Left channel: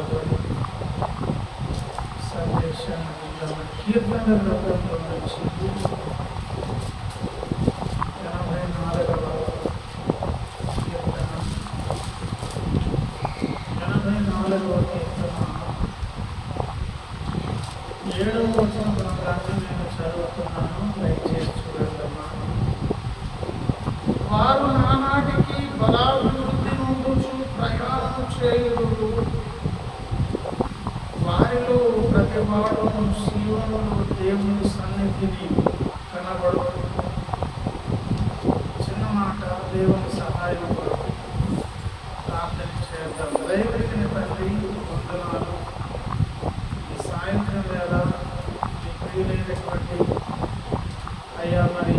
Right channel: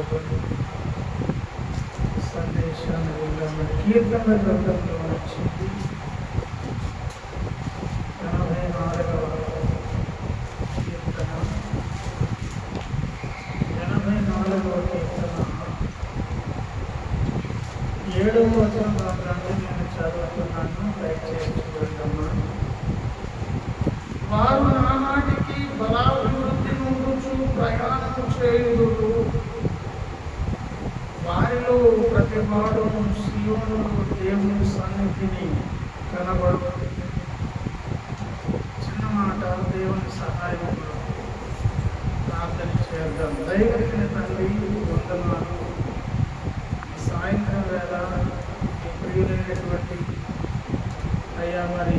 చదవబడి సందేశాన్ని విన్నాము. కీర్తనల గ్రంథంలో నుంచి 84వ కీర్తన 7వ వచనం భాగాన్ని నేను చదువుతున్నాను. దయచేసి చూడండమ్మా. వారు నానాటికి బలాభివృద్ధి నుండుచు ప్రయాణము చేయుదురు. వారిలో ప్రతివాడును సీయోనులో దేవుని సన్నిధిని కనబడు. చిన్న మాట, దేవుని సహాయం కొరకు ప్రార్థన చేద్దాం. దైవజన తండ్రి, వందనాలు. ఈ సాయంత్రం వేళ మీ ప్రియులైనటువంటి అయ్యా, మరి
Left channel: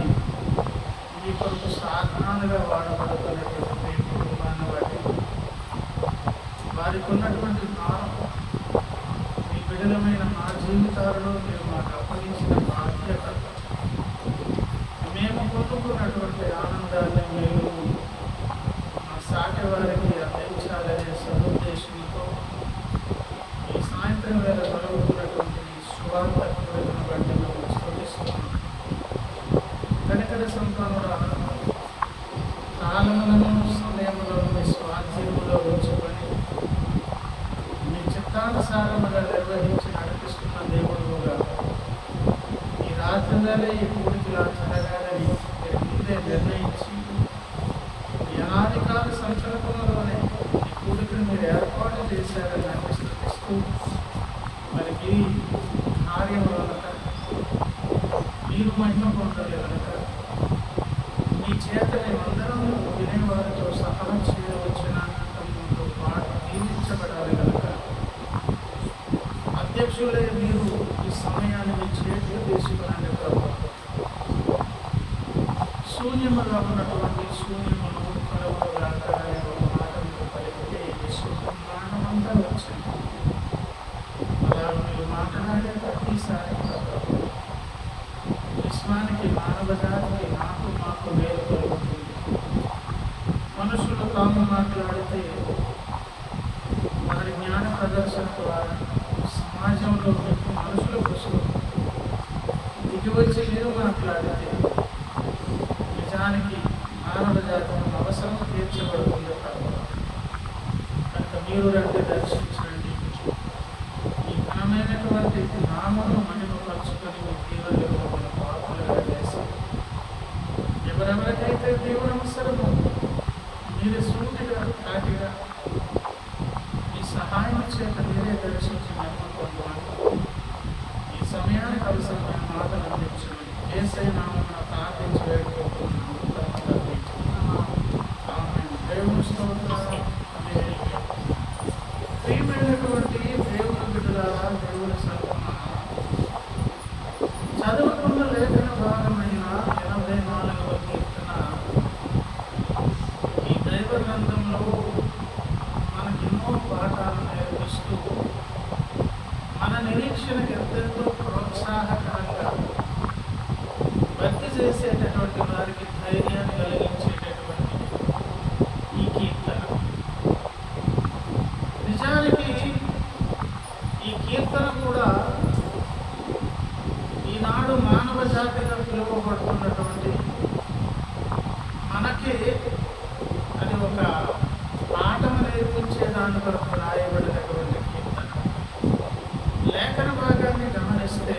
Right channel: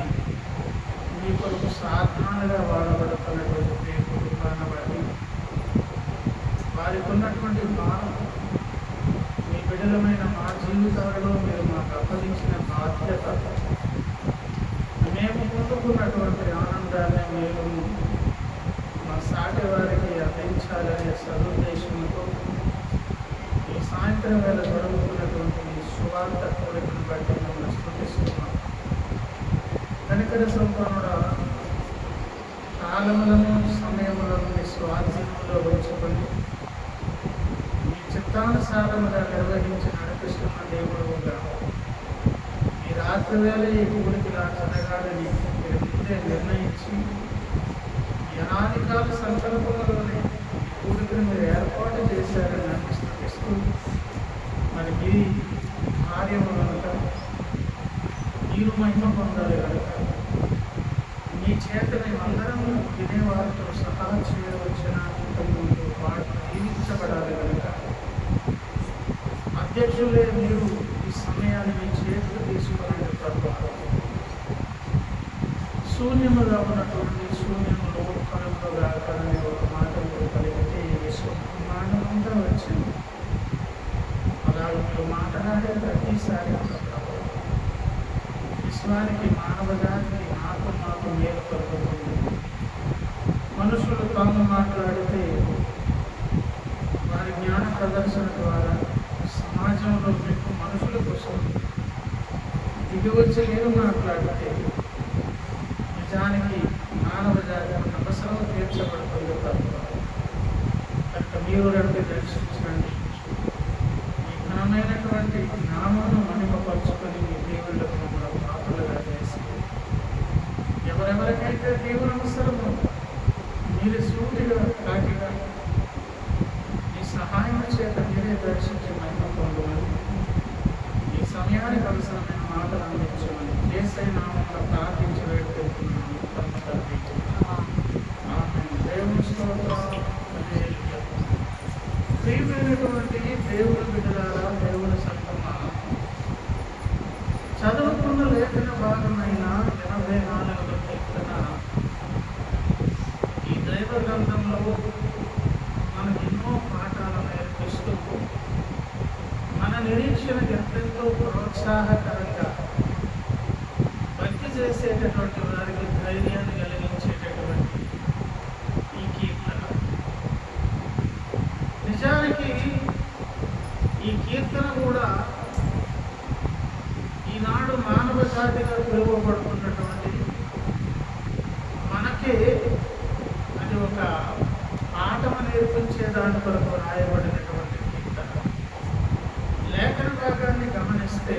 మీ కొరకు సాధనాలుగా వాడబడుతున్నటువంటి మీ కుటుంబాన్ని బట్టి వారికి ఉన్నటువంటి భారం, మీ బిడ్డలమైన మా జీవితాలలో మీరు మాకు అప్పగించిన బాధ్యత, మేము పొందుకున్నటువంటి ఆనందాన్ని మీరు మా సాటి వారికి అందించాలనే సదుద్దేశంతో ఈ సాయంత్రం వేళ జరుగుతున్నటువంటి సువార్త కోరికను బట్టి మమ్మల్ని స్తుతిస్తున్నాం. కనికర సంపన్నుడా, కాలములను సమయములను మీ స్వాధీనంలో ఉంచుకొని మీ చిత్తానుసారముగా నిర్వహించి నడిపిస్తున్న దేవుడుగా ఈ రాత్రి వేళ ఈ కూడికిలా జరగాలని మీరు ముందే నిర్ణయించి ఈ అనాదికాల సంకల్పంలోనే ఈ కూడికను మీరు ఏర్పాటు చేశారని అనిపిస్తూ మరి మీ కార్యము కనుక మీరు మహిమ పొందాలి కనుక మీ చేత మేమందరము వినేవారితో సహా చేయవచ్చిన కుటుంబంతో పాటు జీవించబడాలి కనుక అధ్యక్షులే మీరు ఈ సమయాన్ని మీ చేతులు తీసుకునే ప్రభావం శూన్యముగా ఉన్నటువంటి శూన్యములో కరువుగా అనే ఒక మాట మీరు పలికితే ఈ విశ్వ బ్రహ్మాండమంతా వచ్చింది. అలా మీరు మాట్లాడే ప్రతిసారి విశ్వానికి, మానవ జాతికి, మాకు మేలు కలుగుతుంది. మనుషులు తాము మాట్లాడితే వారి జ్ఞాన ప్రదర్శన ద్వారా సమాజంలో మీకు మనుషుల కోసం దిగి వచ్చి మీరు మాట్లాడితే నిజానికి మానవ జాతి అవసరం తీర్చబడుతుంది. కనుక మీరు రండి, దర్శించండి. ఈ ఘనమైనటువంటి నామను మహిమపరుచుకొని మీ దేవుళ్ళకు మన పాపులుగా చేసి ఎవరెవరికైతే దేవుని అవసరమో మీరు సూటిగా కాటిగా ఈ సహాయం చేత మీరే దర్శించి మహిమ పొందమని, ఈ సమయానికి అవసరమైన మాటలు అందించమని యేసయ్య నామమున ప్రార్థించి వేడుకుంటున్నాము. తమ తండ్రి, ఆమేన్. దేవుని స్తోత్రం. ప్రియమైనటువంటి దేవుని బిడ్డలారా, దేవుని సంగమా, చదువుకున్న లేఖన భాగమైన 84వ కీర్తన ఈ దైవ గ్రంథంలో మనకు ఎన్నో పాఠాలు నేర్పిస్తూ మన నిరీక్షణకు ఎంతెంతో ప్రోత్సాహకరంగా భక్తి చేసేటటువంటి వారికి ధైర్యాన్ని కలిగించేటటువంటి ఈ కీర్తన. నిజానికి ఈ కీర్తన కూడా ఈనాడు మానవ జాతిగా పిలువబడుతున్నటువంటి మనకి అది ఒక పాఠము నేర్పించే దాని కొరకు రాయబడినటువంటి కీర్తన. లేఖన భాగాన్ని గమనిస్తే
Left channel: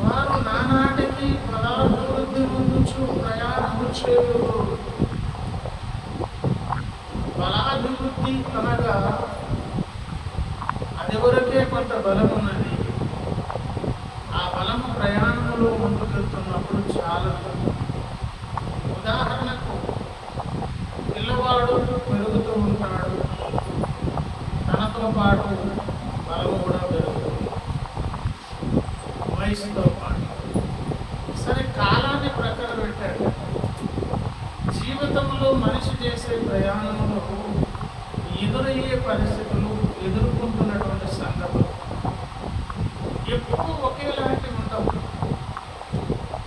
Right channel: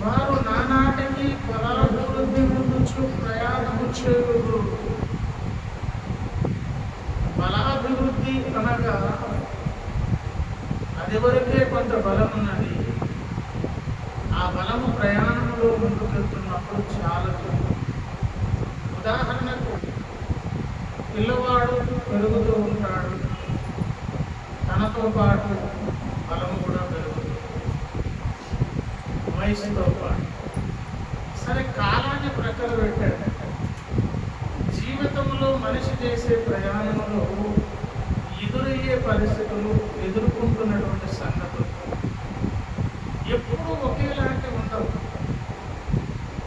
వారు నానాటికి బలాభివృద్ధి ముందుచు ప్రయాణము చేయుదురు. బలాభివృద్ధి అనగా అది వరకే కొంత బలం ఉన్నది. ఆ బలము ప్రయాణంలో ముందుకెళ్తున్నప్పుడు చాలదు. ఉదాహరణకు పిల్లవాడు పెరుగుతూ ఉంటాడు, తనతో పాటు బలము కూడా పెరుగుతుంది వయసుతో పాటు. సరే, కాలాన్ని ప్రక్కన పెట్టాడు. జీవితంలో మనిషి చేసే ప్రయాణంలో ఎదురయ్యే పరిస్థితులు, ఎదుర్కొంటున్నటువంటి సంగతులు ఎప్పుడూ ఒకేలాంటి ఉండవు.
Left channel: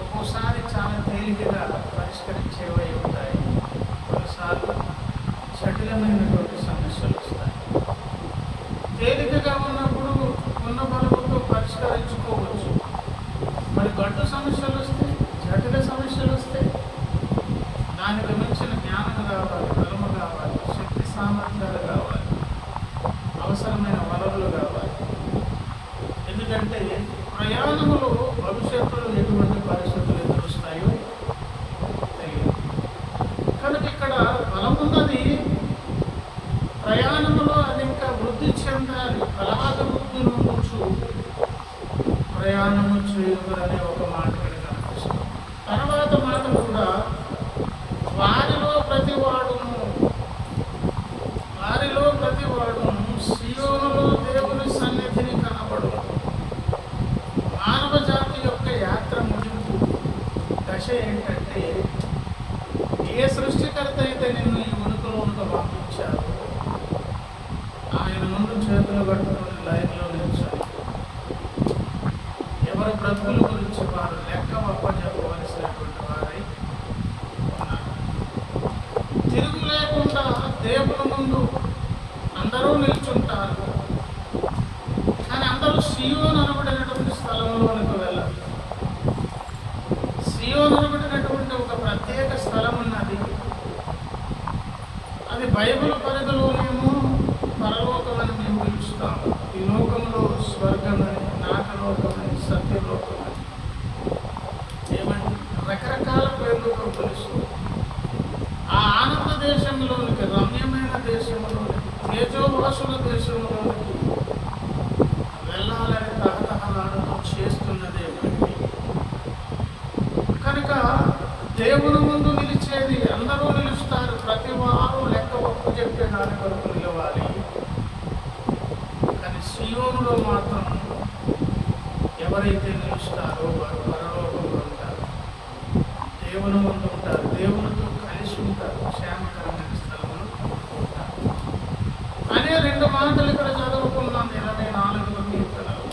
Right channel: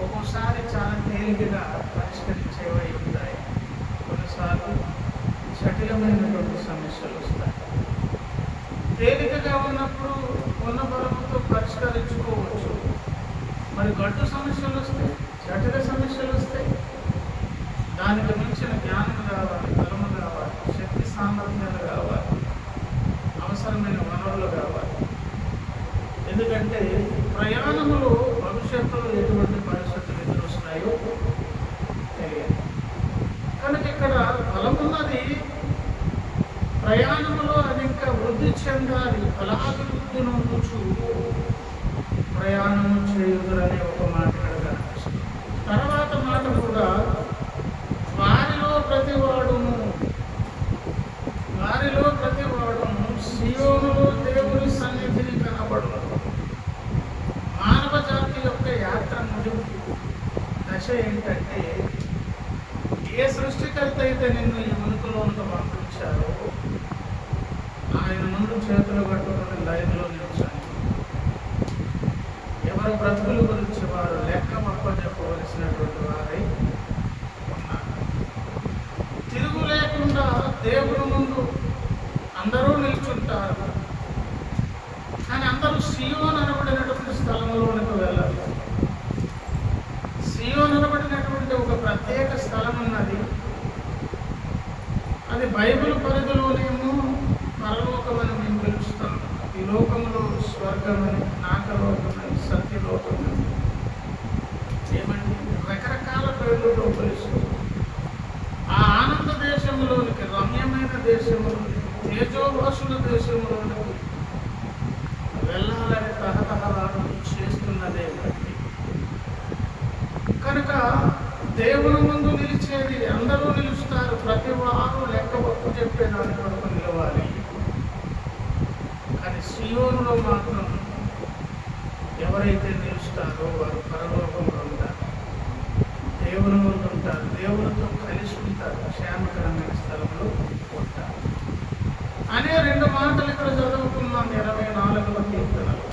ఒక్కోసారి చాలా తేలికగా పరిష్కరించేవై ఉంటాయి, కొన్నిసార్లు జటిలమైనటువంటి సమస్యలు వస్తాయి. తేలికగా ఉన్నప్పుడు ఉన్న బలముతో పరిష్కరించుకోవచ్చు. మరి గడ్డు సమస్యలు వస్తాయి, జటిల సమస్యలు వస్తాయి. దానికి మించిన జ్ఞానం కావాలి, బలము కావాలి, శక్తి సామర్థ్యాలు కావాలి, అవసరమైన వనరులు కావాలి. ఎందుకంటే ప్రయాణములో భవిష్యత్తులో ఎటువంటి పరిస్థితులు ఎదురొస్తాయో తెలియదు. కనుక ఇక్కడ బలమున్నది, ప్రయాణములో అది ఇంకా వృద్ధి చెందాలి. ఫలాభివృద్ధి నొందుచు ప్రయాణము చేయుదురనే ఒక మాట ఇక్కడ కనిపిస్తుంది. తర్వాత మాట కూడా వారిలో ప్రతివాడును సియోనులో దేవుని సన్నిధిని కనబడు. మానవ జాతి యొక్క యాత్ర ముగింపు దశ ఏంటంటే, ఏ సృష్టికర్త అయితే నిన్ను ఈ ఉనికిలోనికి పంపించారో ఆయన ముందు చేతులు పట్టుకుని లైన్లో నిలిచాలి. ఎవరి బ్రతుకుల గురించి వారు లెక్క చెప్పవలసినటువంటి వారై ఉన్నారు. తిరుగు లేకుండా దేవుని ముందు అందరూ నిల్చుంటారు. కానీ అందరూ సియోను అనబడినటువంటి స్థలంలోనికి వెళ్ళాలి. సియోను అనబడినటువంటి ఒక ప్రత్యేక స్థలం ఉన్నది. అది బైబిల్ పరిధిలోనేమో పరలోకమని మేము పిలుస్తాము. ఈ లోకంలో స్వర్గమని, నాకలోకమని, సత్యలోకమని, ఏమంటే రకరకాల పేర్లతో పిలుస్తూ ఆ ఆనంద దేశంలోనికి, రమ్యమైన దేశంలోనికి, తేజోవాసుల దేశంలోనికి వెళ్ళాలని తహతహలాడుతూ చేస్తున్నదే. కనుక దేవుని ముందు నిలిచేది, అందరూ నిలుస్తారు. ప్రతి వారు లెక్క ఒప్పు చెప్పే దాని కొరకు నిలవాలి. కానీ సియోనులో మాత్రం ఎవరైతే నిలుస్తారో వారు పరలోకంలో ఉంటారు, దేవుని ముందు ఉంటారు, దేవునితో కలిసి ఉంటారు, క్షేమకరమైన స్థలంలో ఉంటారు అనే రెండు మాటలు ఇక్కడ చదువుకున్నాం 24వ కీర్తనలో.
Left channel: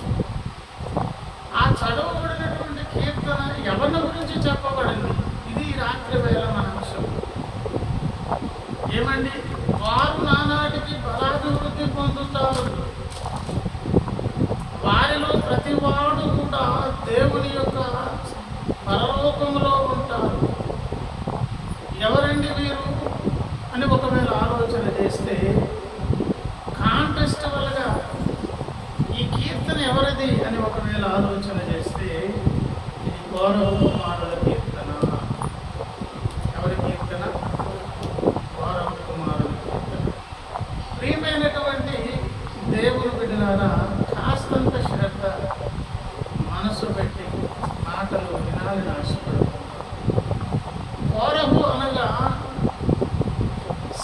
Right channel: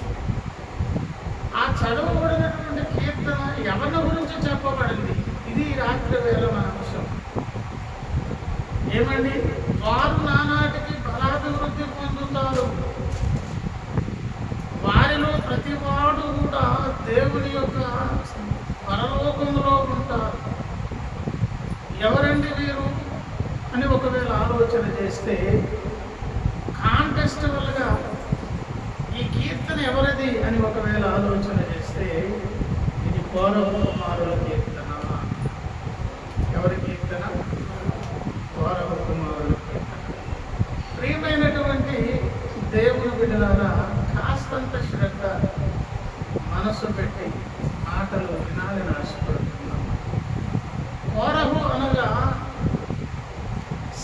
ఆ చదవబడినటువంటి కీర్తన ఎవరిని గురించి చెప్పబడింది? ఇది రాత్రి వేళ మన అంశం. ఏమండి, వారు నానాటికి బలాభివృద్ధి పొందుతారు. వారిలో ప్రతివాడు కూడా దేవుని యొక్క పరలోకంలో ఉంటారు. ఎవరండి వీరు అని ఒకవేళ ఆలోచన చేస్తే, కాంటెస్టివల్గా ఈ కీర్తన ఎవరిది అని ఒకవేళ ఆలోచన చేస్తే, ఇది కోరహు కుమారుల కీర్తన. ఎవరి కీర్తన? కోరహు కుమారుల కీర్తన. ప్రియమైనటువంటి దేవుని బిడ్డలారా, కాస్తంత శ్రద్ధ మనసు పెట్టి మాటలు వినాలని ఆశపడుతున్నాను. కోరహు అనగా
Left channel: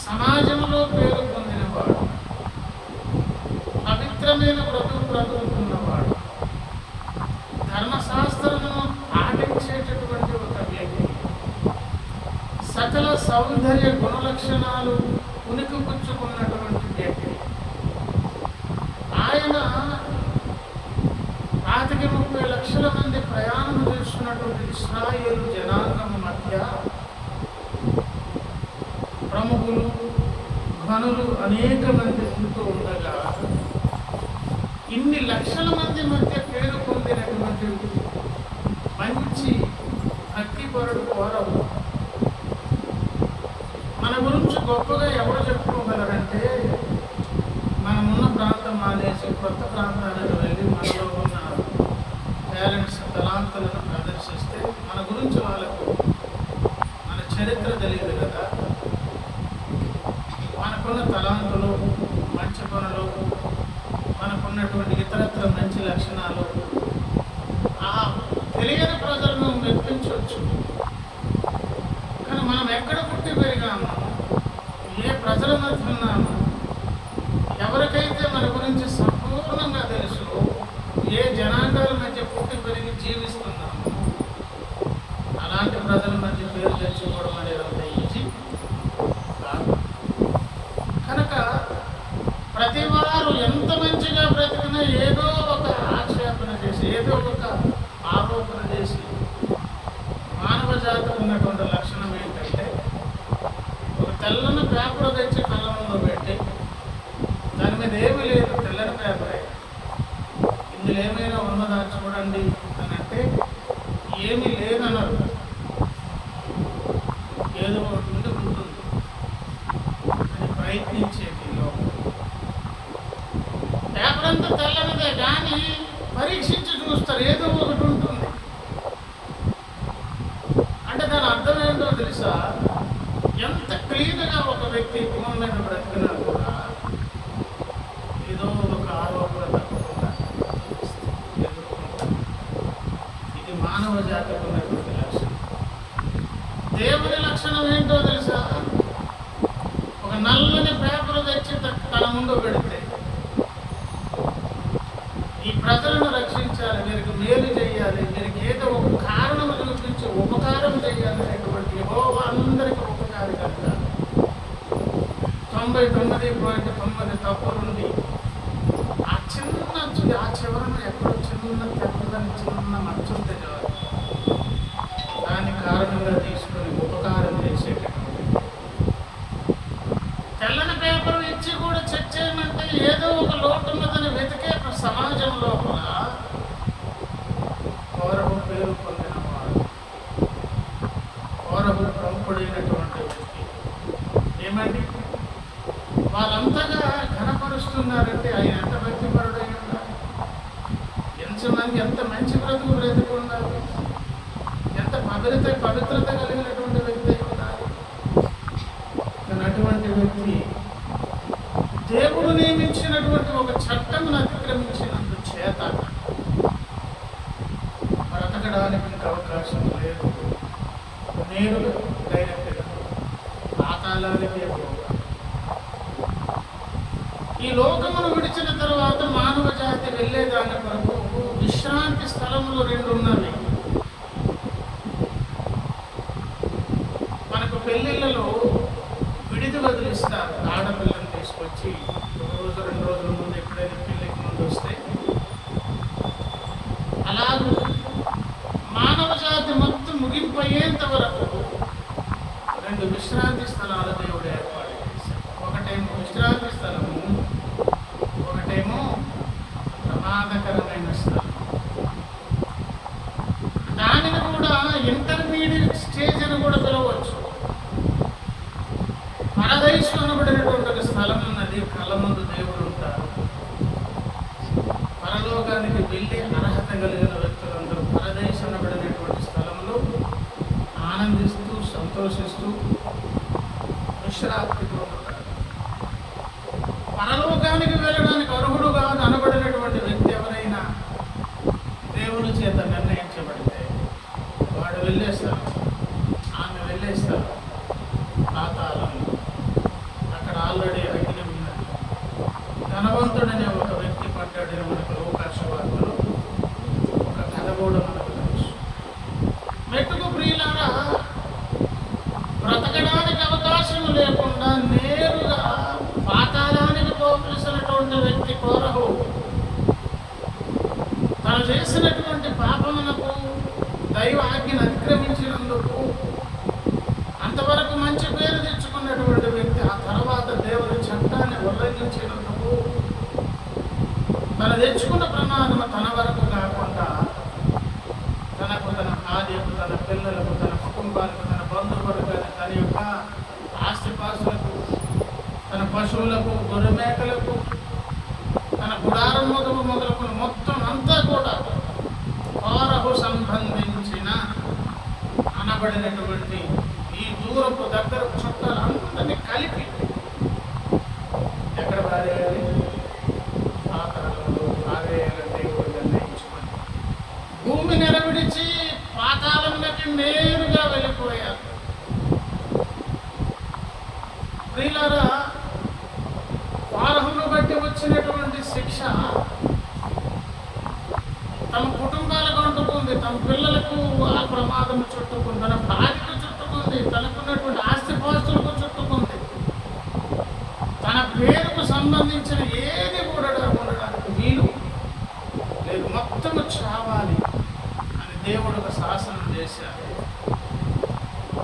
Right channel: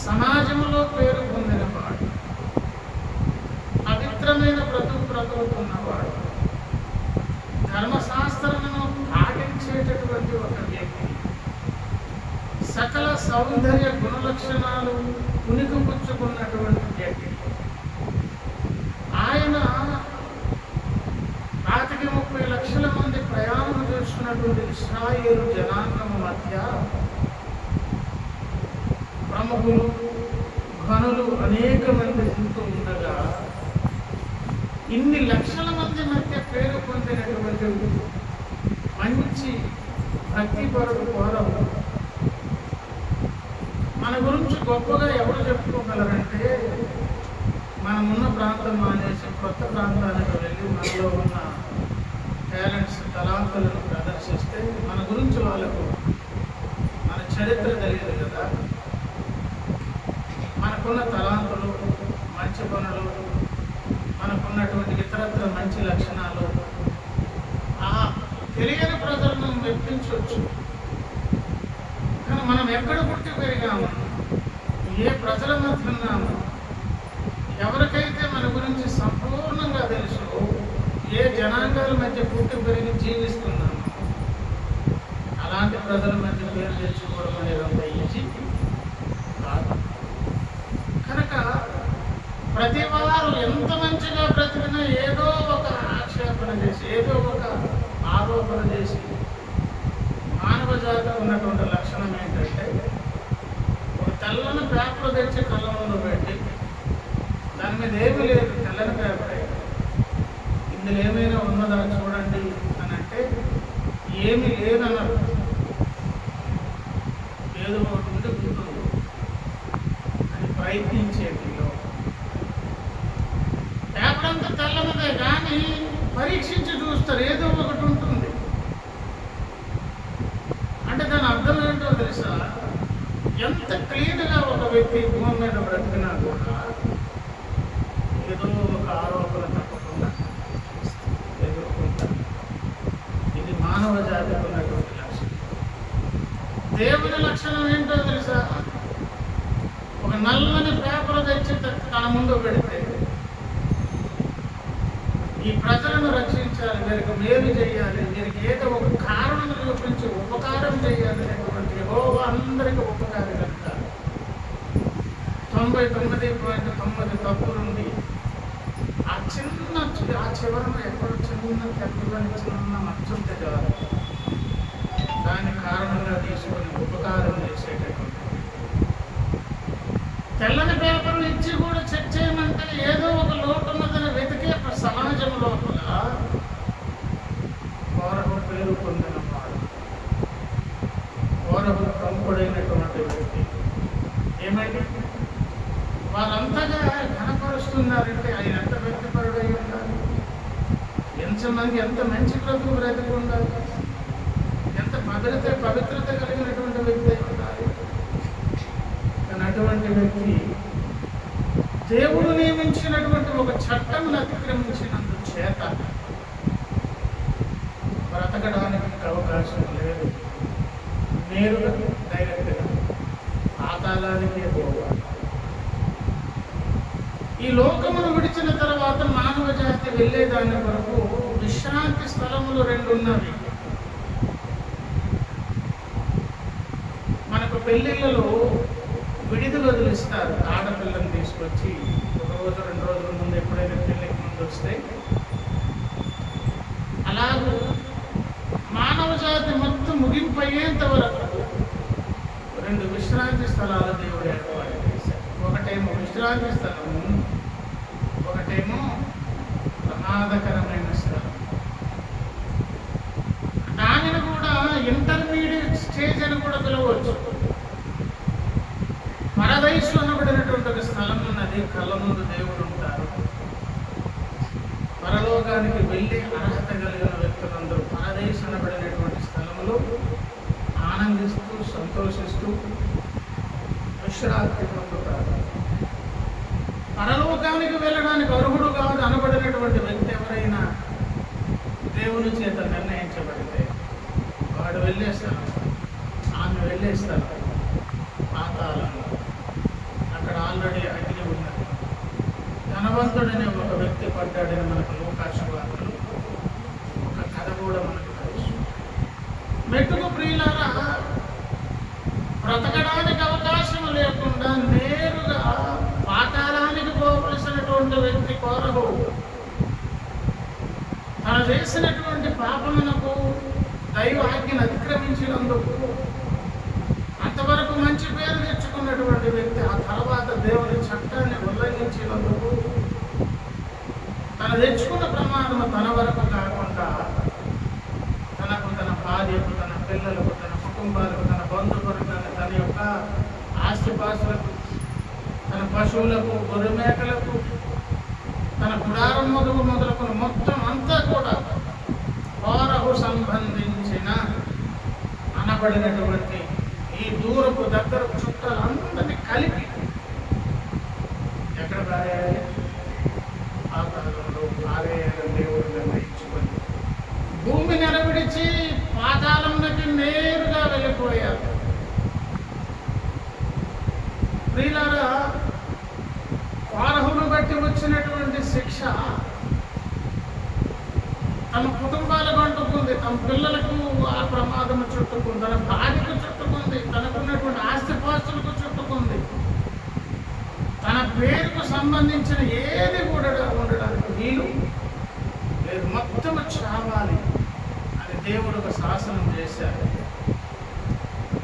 సమాజంలో పేరు పొందినవాడు, పవిత్రమైన బ్రతుకుతున్నవాడు, ధర్మశాస్త్రమును పాటించేటటువంటి ఒక వ్యక్తి, సకల సౌందర్య గుణలక్షణాలు ఉనికిపుచ్చుకున్నటువంటి వ్యక్తి. ఆయన 30 లక్షల మంది ప్రయాణం చేస్తున్నటువంటి ఇశ్రాయేలు జనాంగం మధ్య ప్రముఖులు, ఘనులు అనేక మంది ఉంటూ ఉండగా, ఇన్ని లక్షల మంది మధ్య పేరు పొందినటువంటి మంచి భక్తిపరుడు కోరహు. మన గురించి గొప్పగా ఎవరు చెప్పుకోగలరంటే, మనమున్న ప్రాంతం మానేసి కొత్త ప్రాంతానికి వెళ్ళి మనలో ఉన్న టాలెంట్స్, తలాంతులను ప్రదర్శిస్తే మన గురించి వాళ్ళకు మన చరిత్ర తెలియదు కదా. మనకున్న తలాంతులు, మంచి పనులు, మనకున్నటువంటి ఇతరత్ర మంచి లక్షణాలు ఆ తెలియని ప్రజలను మెప్పించవచ్చు. కానీ మనం ఎక్కడ పుట్టి పెరిగాము, ఏ ప్రజల మధ్య ఉన్నాము, ఎవరికైతే మన గురించి సంపూర్ణంగా తెలుసు, ఏ జనాంగాల మధ్య పుట్టి పెరిగి జీవిస్తున్నాము, అలాంటి ప్రజల మధ్య పేరు తెచ్చుకోవడం అనేది అంత ఈజీ కాదు. కనుక ప్రతి వారు ఎంత మంచిగా బ్రతికినా ఏదో ఒక ఆక్షేపణ చేసి, ఏదో ఒక ఆరోపణ చేసి, మానవ జాతికి ఉన్నటువంటి లక్షణం ఏంటంటే, ఒక తెల్లని పేపర్ తెచ్చి కళ్ళంలో పెట్టి దాని మీద ఏమీ లేదు, తెల్ల తెల్లని పేపరే, ఇందులో ఏమైనా ఉన్నదా చూడండి అని అంటే ఏమీ లేదన్నారు. ఏదో ఒకటి ఉండి ఉంటుంది అని ప్రయత్నించేటిలో పేపర్ అంతా తెల్లనిదే కానీ పరీక్షించి చూస్తారు, ఏదో ఒకటి ఉంటుంది. అంటే దాని అర్థం ఏంటో తెలుసా? ఎంత క్లీన్గా ఒక వ్యక్తి భూమి మీద బ్రతికినా కూడా ఏదో ఒక ఆరోపణ తప్పకుండా ఎదుర్కొంటారు. ఇది మానవ జాతికి ఉన్నటువంటి లక్షణం. దేవుని లక్షణం ఏంటో తెలుసా? ఒక నల్లని పేపర్ తెచ్చి తన ముందు పెడితే ఈ ప్రజలను రక్షించాలి, వీరికి మేలు చేయాలి, వీరికి ఏదో ఒక కారణం చూపించి ఉపకారం చేయాలి అనేటువంటి యెహోవా అందరికీ ఉపకారి కనుక 99.9 తప్పులుండి ఆ చివరన ఎక్కడో చిన్న తెల్లని చిన్న మచ్చుంటే చాలు దాన్ని కారణంగా తీసుకొని ఉపకారం చేసేటటువంటి తెల్లని పేపర్ ఇచ్చి కూడా చెక్ చేయమంటే ఏదో ఒక లోటు ఉన్నదని వెతికే సమాజం లోపల కోరహు పేరు పొందినవాడు, కోరహు ప్రముఖుడైనటువంటి వ్యక్తి. ఏమండి వాళ్ళంతగా ఘనపరుస్తున్నారంటే ఆయన ఎంత భక్తిపరుడై ఉండాలి, ఎంత మంచి బ్రతుకు ఉండాలి, ఎంత పవిత్రత కలిగినటువంటి వ్యక్తి అయి ఉండాలి. కానీ అటువంటి వ్యక్తి దేవుడు నియమించినటువంటి ఒక చట్టమును అతిక్రమించినందు చేత బ్రతకడానికి ఇంకా అవకాశం లేదు. నేరుగా డైరెక్ట్గా పాతాళానికే పోవాలి. ఈ లోకమును విడిచిన తర్వాత మానవ జాతి వెళ్ళేదాని వరకు విశ్రాంతి స్థలములు 2 ఉన్నవి. మనకు పెళ్ళిళ్ళలో విడిది వదిలిస్తారు. ఆడపిల్లని తీసుకొచ్చి 1 రోజు 2 రోజుల ముందు ఎప్పుడైనా పెళ్ళికి ముందు వస్తే, అలాగూ మానవ జాతి మొత్తం ముగింపు అయ్యేంత వరకు 2 విశ్రాంతి స్థలాలు దేవుడు ఏర్పాటు చేశాడు. ఒకటేమో విశ్రాంతి స్థలము, ఒకటేమో ప్రమాదకరమైన స్థలం. దానిని కూడా ఇంటర్మీడియట్ స్టేజ్ అని కూడా పిలవచ్చు. పరదైసు అనబడినటువంటి ఒక స్థలం ఉన్నది. కళ్ళ ముందు దేవుడు ఉంటారు. పరలోకానికి వెళ్ళి అర్హత కలిగిన వ్యక్తులందరూ పరదైసు అనబడినటువంటి స్థలంలో ఆనందిస్తూ సంతోషిస్తూ విశ్రాంతి పొందుతారు. పరలోకానికి వెళ్ళడానికి అర్హుడు కాదు అనబడినటువంటి వ్యక్తి ఎవరైనా దేవుని చేత నిర్ణయించబడితే వాడు వెళ్ళేస్తారు, ఆమె వెళ్ళేస్తారు పాతాళంలో. అక్కడ ఆల్రెడీ అగ్ని ఉన్నది. ధనవంతుడనే ఒక వ్యక్తి పడ్డాడని మనకు లోకాసు వార్తలు ఒక కథ కూడా మనకు తెలుసు. మెట్టుకు ప్రియులారా, బ్రతకడానికి అవకాశం లేకుండా నేరుగా పాతాళానికి పోవలసినటువంటి వ్యక్తి కోరహు తను చేసినటువంటి పాపమునకు దైవ ఆజ్ఞను అతిక్రమించినందుకు అంతవరకు మంచి పేరు తెచ్చుకున్నటువంటి వ్యక్తి ఆ తర్వాత దేవుని చట్టాన్ని ఉల్లంఘించినందుకు తను తెచ్చుకున్న ప్రమాదము తన వరకు కాకుండా తనకు, తన భార్యకు, తన పిల్లలకు, తన కుటుంబాలకు, తన బంధువులకు, తన యొక్క ఆస్తిపాస్తులకు, తన పశువులకు, గొర్రె మేకలకు, తన గుడారం మొదలుకొని మొత్తం అంతా కూడా కోరహు సంబంధించిన అనబడినటువంటి ఈ దూరపు దగ్గరపు చుట్టాలందరినీ కలిపి ఎక్కడ పారేయాలి? పాతాళంలో పారేయాలని దేవుడు నిర్ణయించుకొని భూమి నెరవిడిచి పాతాళంలోకి నేరుగా వెళ్ళిపోయారు. ప్రియులారా, కోరహును బట్టి వచ్చినటువంటి శిక్ష తమ కుటుంబాలకు అంటుకుంది, తమ పిల్లలకు ఆ ప్రమాదం చుట్టుకుంది, తన భార్యకు చుట్టుకుంది, తనకున్నటువంటి ఆస్తిపాస్తులకు చుట్టుకుంది. తన పేరుకు సంబంధించిన ఏది కూడా ఉండడానికి వీలు లేదు. మొత్తం చావాలి అని దేవుడు ఒక శాసనం చేశారు.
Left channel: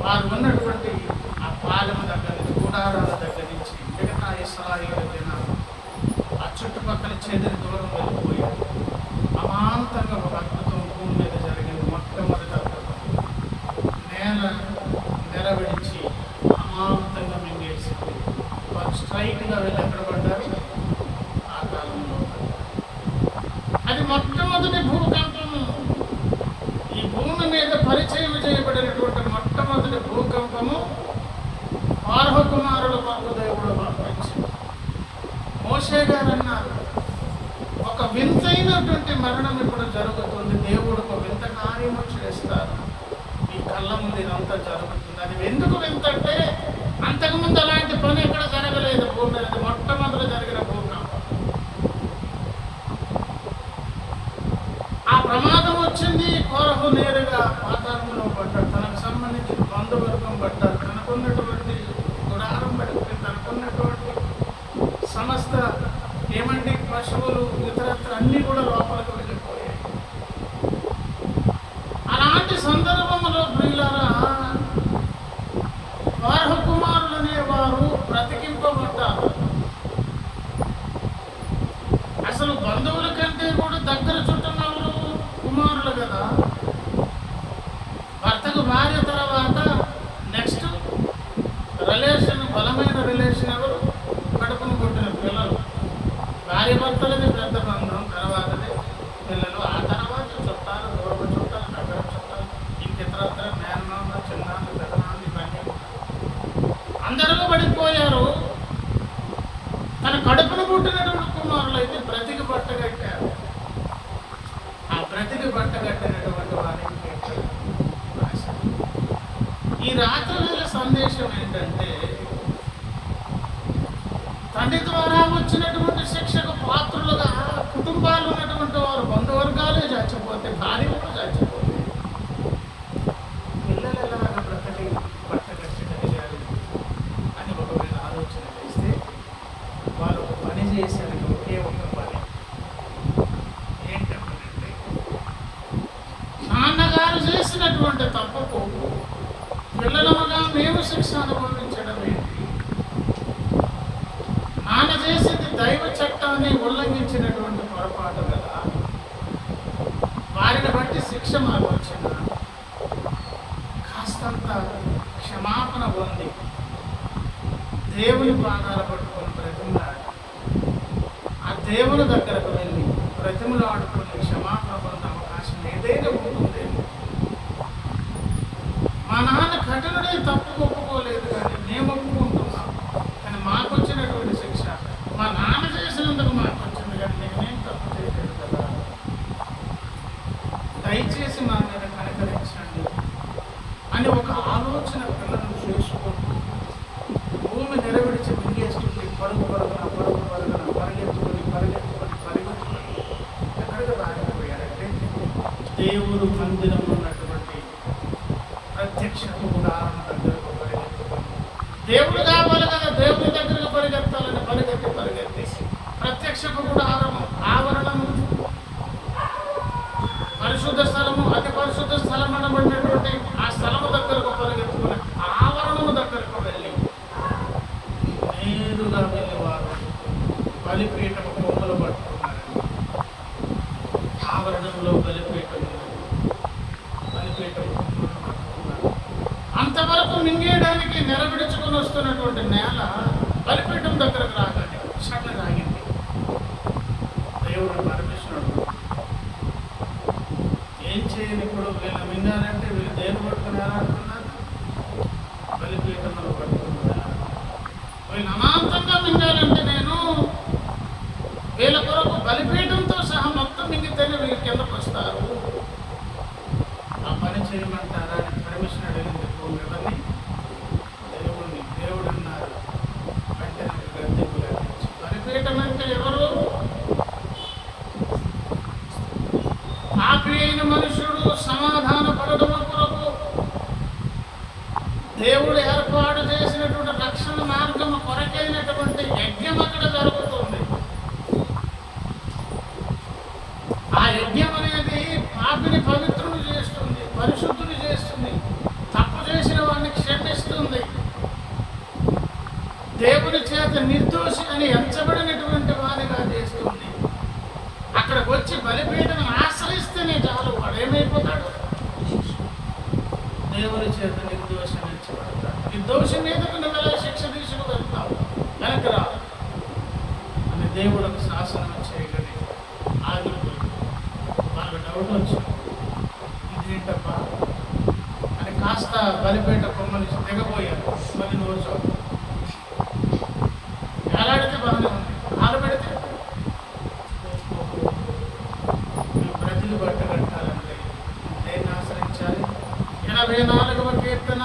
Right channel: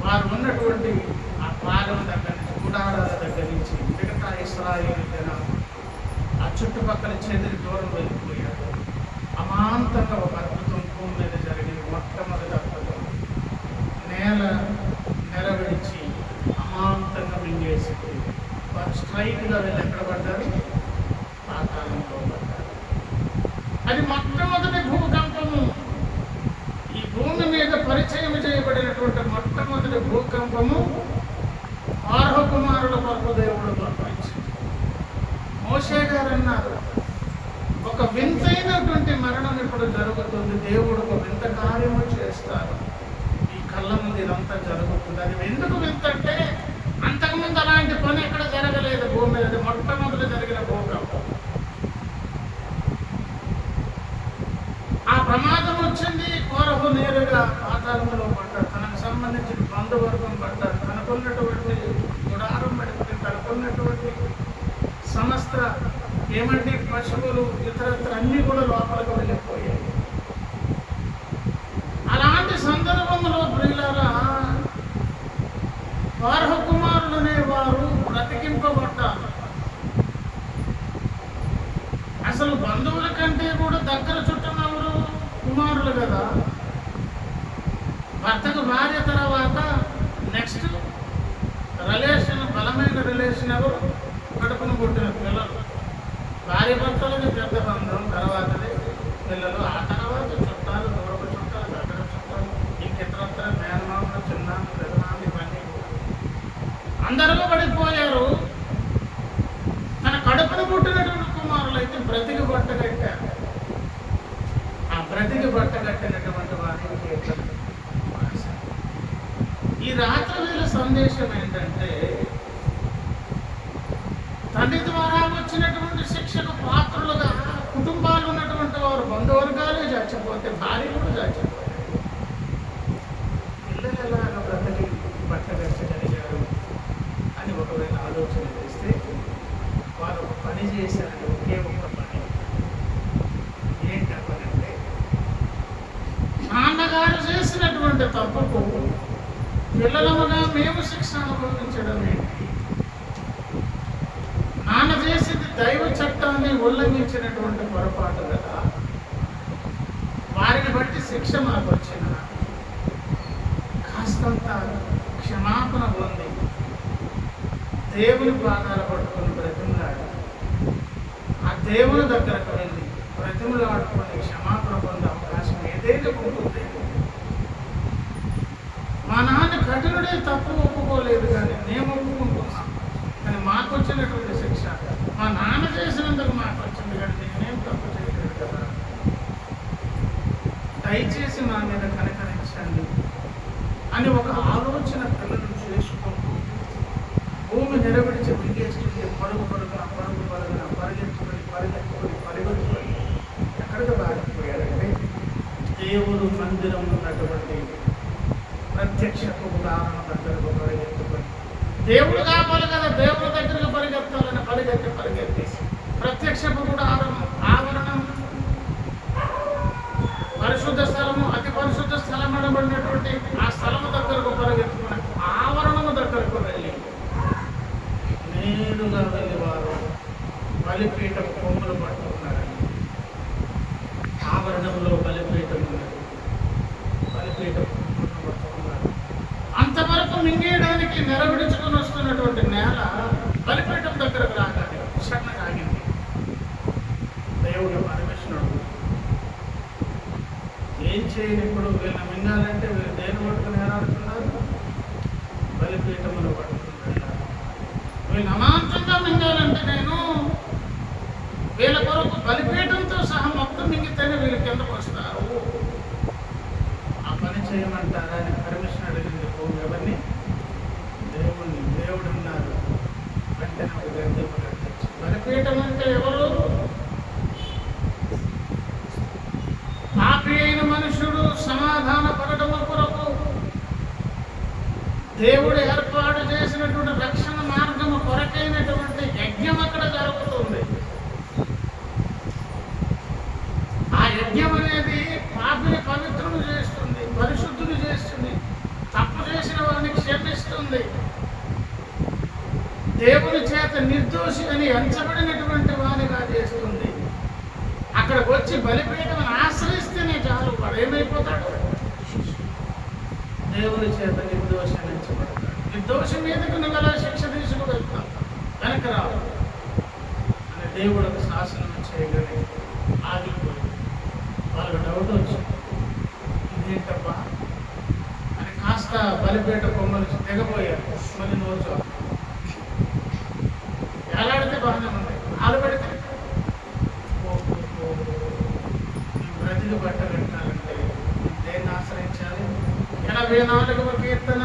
వారు ఉన్నటువంటి ఆ పాలెం దగ్గర నుంచి, గుడారాల దగ్గర నుంచి మిగతా ఇశ్రాయేలు జనాలు ఆ చుట్టుపక్కల చెదిరి దూరం వెళ్ళిపోయారు. అమాంతంగా ఒక అద్భుతం భూమి మీద జరిగింది. మొట్టమొదటి అద్భుతం, నేల నెరవిడిచి అమాంతంగా మింగేసింది. వారు స్ట్రైట్గా వెళ్ళి ఎక్కడ పడ్డారు? ఆ కాలంలో పడ్డారు. అది మొట్టమొదటి భూకంపము. ఈ భూమి మీద పరిచయం చేయబడినటువంటి మొట్టమొదటి భూకంపము ఫారో కుమారుల కొరకు దేవుడు పంపించాడు. మోషే గారు అన్నారు, ఒక వింతైనటువంటి మరణం ఇప్పుడు జరుగుతుంది, దేవుడు ఒక వింత కార్యము చేస్తారు, ఈ కళ్ళ ముందు ఇదంతా జరుగుతుంది. అది ఎందుకు వింత అంటే, అంతకుముందు అలాంటి పని ఎక్కడ జరగలేదు భూమి మీద. అది మొట్టమొదటి జరిగిన భూకంపం. ఆ ప్రమాదం వచ్చింది. కోరహు నేరుగా పాతాళంలో పడ్డాడు. తనకు సంబంధించిన బంధువర్గం పడ్డారు. తనకున్నటువంటి గుడారం పడిపోయి, తనకున్నటువంటి సమస్త పశువులు ఇతరత్ర అన్నీ కూడా లోపలికి వెళ్ళిపోయాయి. అలాంటి సందర్భంలో ప్రియులారా, ఫారో కుమారులు అనేవారు బ్రతికింపబడ్డారు. అసలు బంధువుల కంటే కూడా దగ్గర చుట్టూనెవరు? కుమారులు కదా. భర్తకు భార్య తర్వాత నెక్స్ట్ రిలేషన్, బలమైన రిలేషన్ ఎవరు? కడుపును పుట్టిన పిల్లలు. భార్య భర్తలకి పెద్ద బంధం, తర్వాతది పిల్లలు, ఆ తర్వాత చుట్టాలు, దూరపు చుట్టాలు, దగ్గర చుట్టాలు, ఇంకితరత్ర మేనమామ, చిన్నాన్న, పెదనాన్న, ఇవన్నీ అందరూ పడిపోయారు. తన కడుపును పుట్టినటువంటి కుమారులు అయితే బ్రతికి బట్టగట్టారు. ఆ బ్రతికి బట్టగట్టినటువంటి వారికి ఈ రాత్రి వేళ సందేశం ఏంటంటే, తండ్రి ద్వారా వచ్చినటువంటి శిక్షకు పాత్రులుగా కుటుంబాలు ఉన్నటువంటి వారు, బంధువర్గాలే చచ్చిపోతే, భార్య కూడా చచ్చిపోతే, పిల్లలు ఎలాగా బ్రతకి బట్టగట్టగలిగారు అని ఒకవేళ ఆలోచన చేస్తే, వాళ్ళు ఒక పని చేశారంటే, ఒకే ఒక్క పని ఏంటంటే, నాన్నగారు చేసినటువంటి తప్పుకు పిల్లలముగా మేము శిక్ష అనుభవించడం ఏంటి? నాన్న చేసింది దైవ చట్టాన్ని ఉల్లంఘించినటువంటి పొరపాటు కదా. వారిని బట్టి శిక్ష మాకు వచ్చిన కాస్తంత క్షమాపణ పొంది దేవుని పాదాలు పట్టుకొని బ్రతిమలాడు, ఆ దేవుని దగ్గరకు వెళ్ళి బ్రతిమలాడుకొని క్షమాపణ పొందే అవకాశం ఏదైనా ఉంటుందేమో. మా నాన్న కఠినుడే, తప్పు ఒప్పుకోలేదు, కానీ మేము ఒప్పుకుంటున్నాం. కానీ మాకు వచ్చినటువంటి శిక్ష మా నాన్న చేసినందుకు మాకు వచ్చింది, కానీ నేనేం తప్పు చేయలేదు కదా. దయచేసి మా మీద కనికరించండి అని ఒక ఆలోచన పిల్లలు చేసుకుంటూ భూమి నిలబడిచి మింగేస్తుంటే పరుగు పరుగున పరిగెత్తుకొని ఎక్కడికి పారిపోయారంటే, దేవుడు మందిరం ఉన్నటువంటి ప్రత్యక్షపు ఉదాహరణ దగ్గరకు పరిగెత్తుకొని, దేవుడు కావాలి కదా, దేవుడి దగ్గరకు పరిగెత్తాలని పరిగెత్తేసి ప్రత్యక్షపు ఆవరణము, పరిశుద్ధ స్థలము, అతి పరిశుద్ధ స్థలం అనబడినటువంటి ఆ స్థలము దగ్గరకు పరిగెత్తుకుని ఆవరణము దగ్గరకు వెళ్ళి నేరుగా వెళ్ళి వారు బలిపీఠము కొమ్మలు పట్టుకున్నారండి. ఆవరణంలో బలిపీఠం ఉన్నది, బలిపీఠం కొమ్మలు పట్టుకున్నారు. అంతవరకు మింగేయడానికి నెరవిడుచుకుని వస్తున్నటువంటి నేల బలిపీఠం దగ్గరకు రాగానే సడన్గా ఆగింది. దేవుడు పరమేశ్వరుడు ఏం చేయని ఇప్పుడు వీళ్ళని మింగాలంటే వీళ్ళు దేని పట్టుకుని ఏలాడుతున్నారు? బలిపీఠములు పట్టుకుని వీళ్ళు అమాంతంగా మింగాలంటే నేను వీళ్ళ కొరకు బలిపీఠంతో సహా మొత్తం మింగితేనే వీళ్ళు కిందకు వస్తారు. ఆ పని చేయమంటారా అని పర్మిషన్ అడిగింది భూమి. ఎవరిని? దేవుడిని. దేవుడు అన్నారు, వెంటనే ఒక గద్దెపు కట్టించి. బలిపీఠం అంటే ఎవరు? పాపి అయిన మనుషుడు సమాధాన పడటము కొరకు దేవుడు ఏర్పాటు చేసినటువంటి రక్షణ మార్గము కొరకైనటువంటి యజ్ఞం అక్కడ జరుగుతుంది. ఆ యజ్ఞం అనేది పాపిని పవిత్రుని చేస్తుంది, పరిశుద్ధుని చేస్తుంది, తప్పు చేసిన వారిని క్షమిస్తుంది, దేవుని చేత నిర్దోషి అని ఎంచబడినటువంటి వారిగా చేస్తుంది. అక్కడికి వచ్చి బలిపీఠం ఆశ్రయిస్తేనే చాలు, వాడు ఏమైపోతాడు? దేవుని చేత నిర్దోషించబడతాడు. నిర్దోషి మీదకు నువ్వు ఎలా శిక్ష తీసుకు వెళ్తావు? వెనక రావు అని దేవుడు ఒక శాసనం చేయగానే ఆగిపోయింది. వాళ్ళకి డౌట్ వచ్చింది, ఇదేంటబ్బా అని కాస్త బలిపేట కొమ్మలు దిగబోయారు. మళ్ళీ నోరు చాలు వేలాడితే బాగానే ఉంది, కాలు పెడితే బ్రతికి బట్ట కట్టాలంటే దేన్ని ఆశ్రయించాలి? 84వ కీర్తన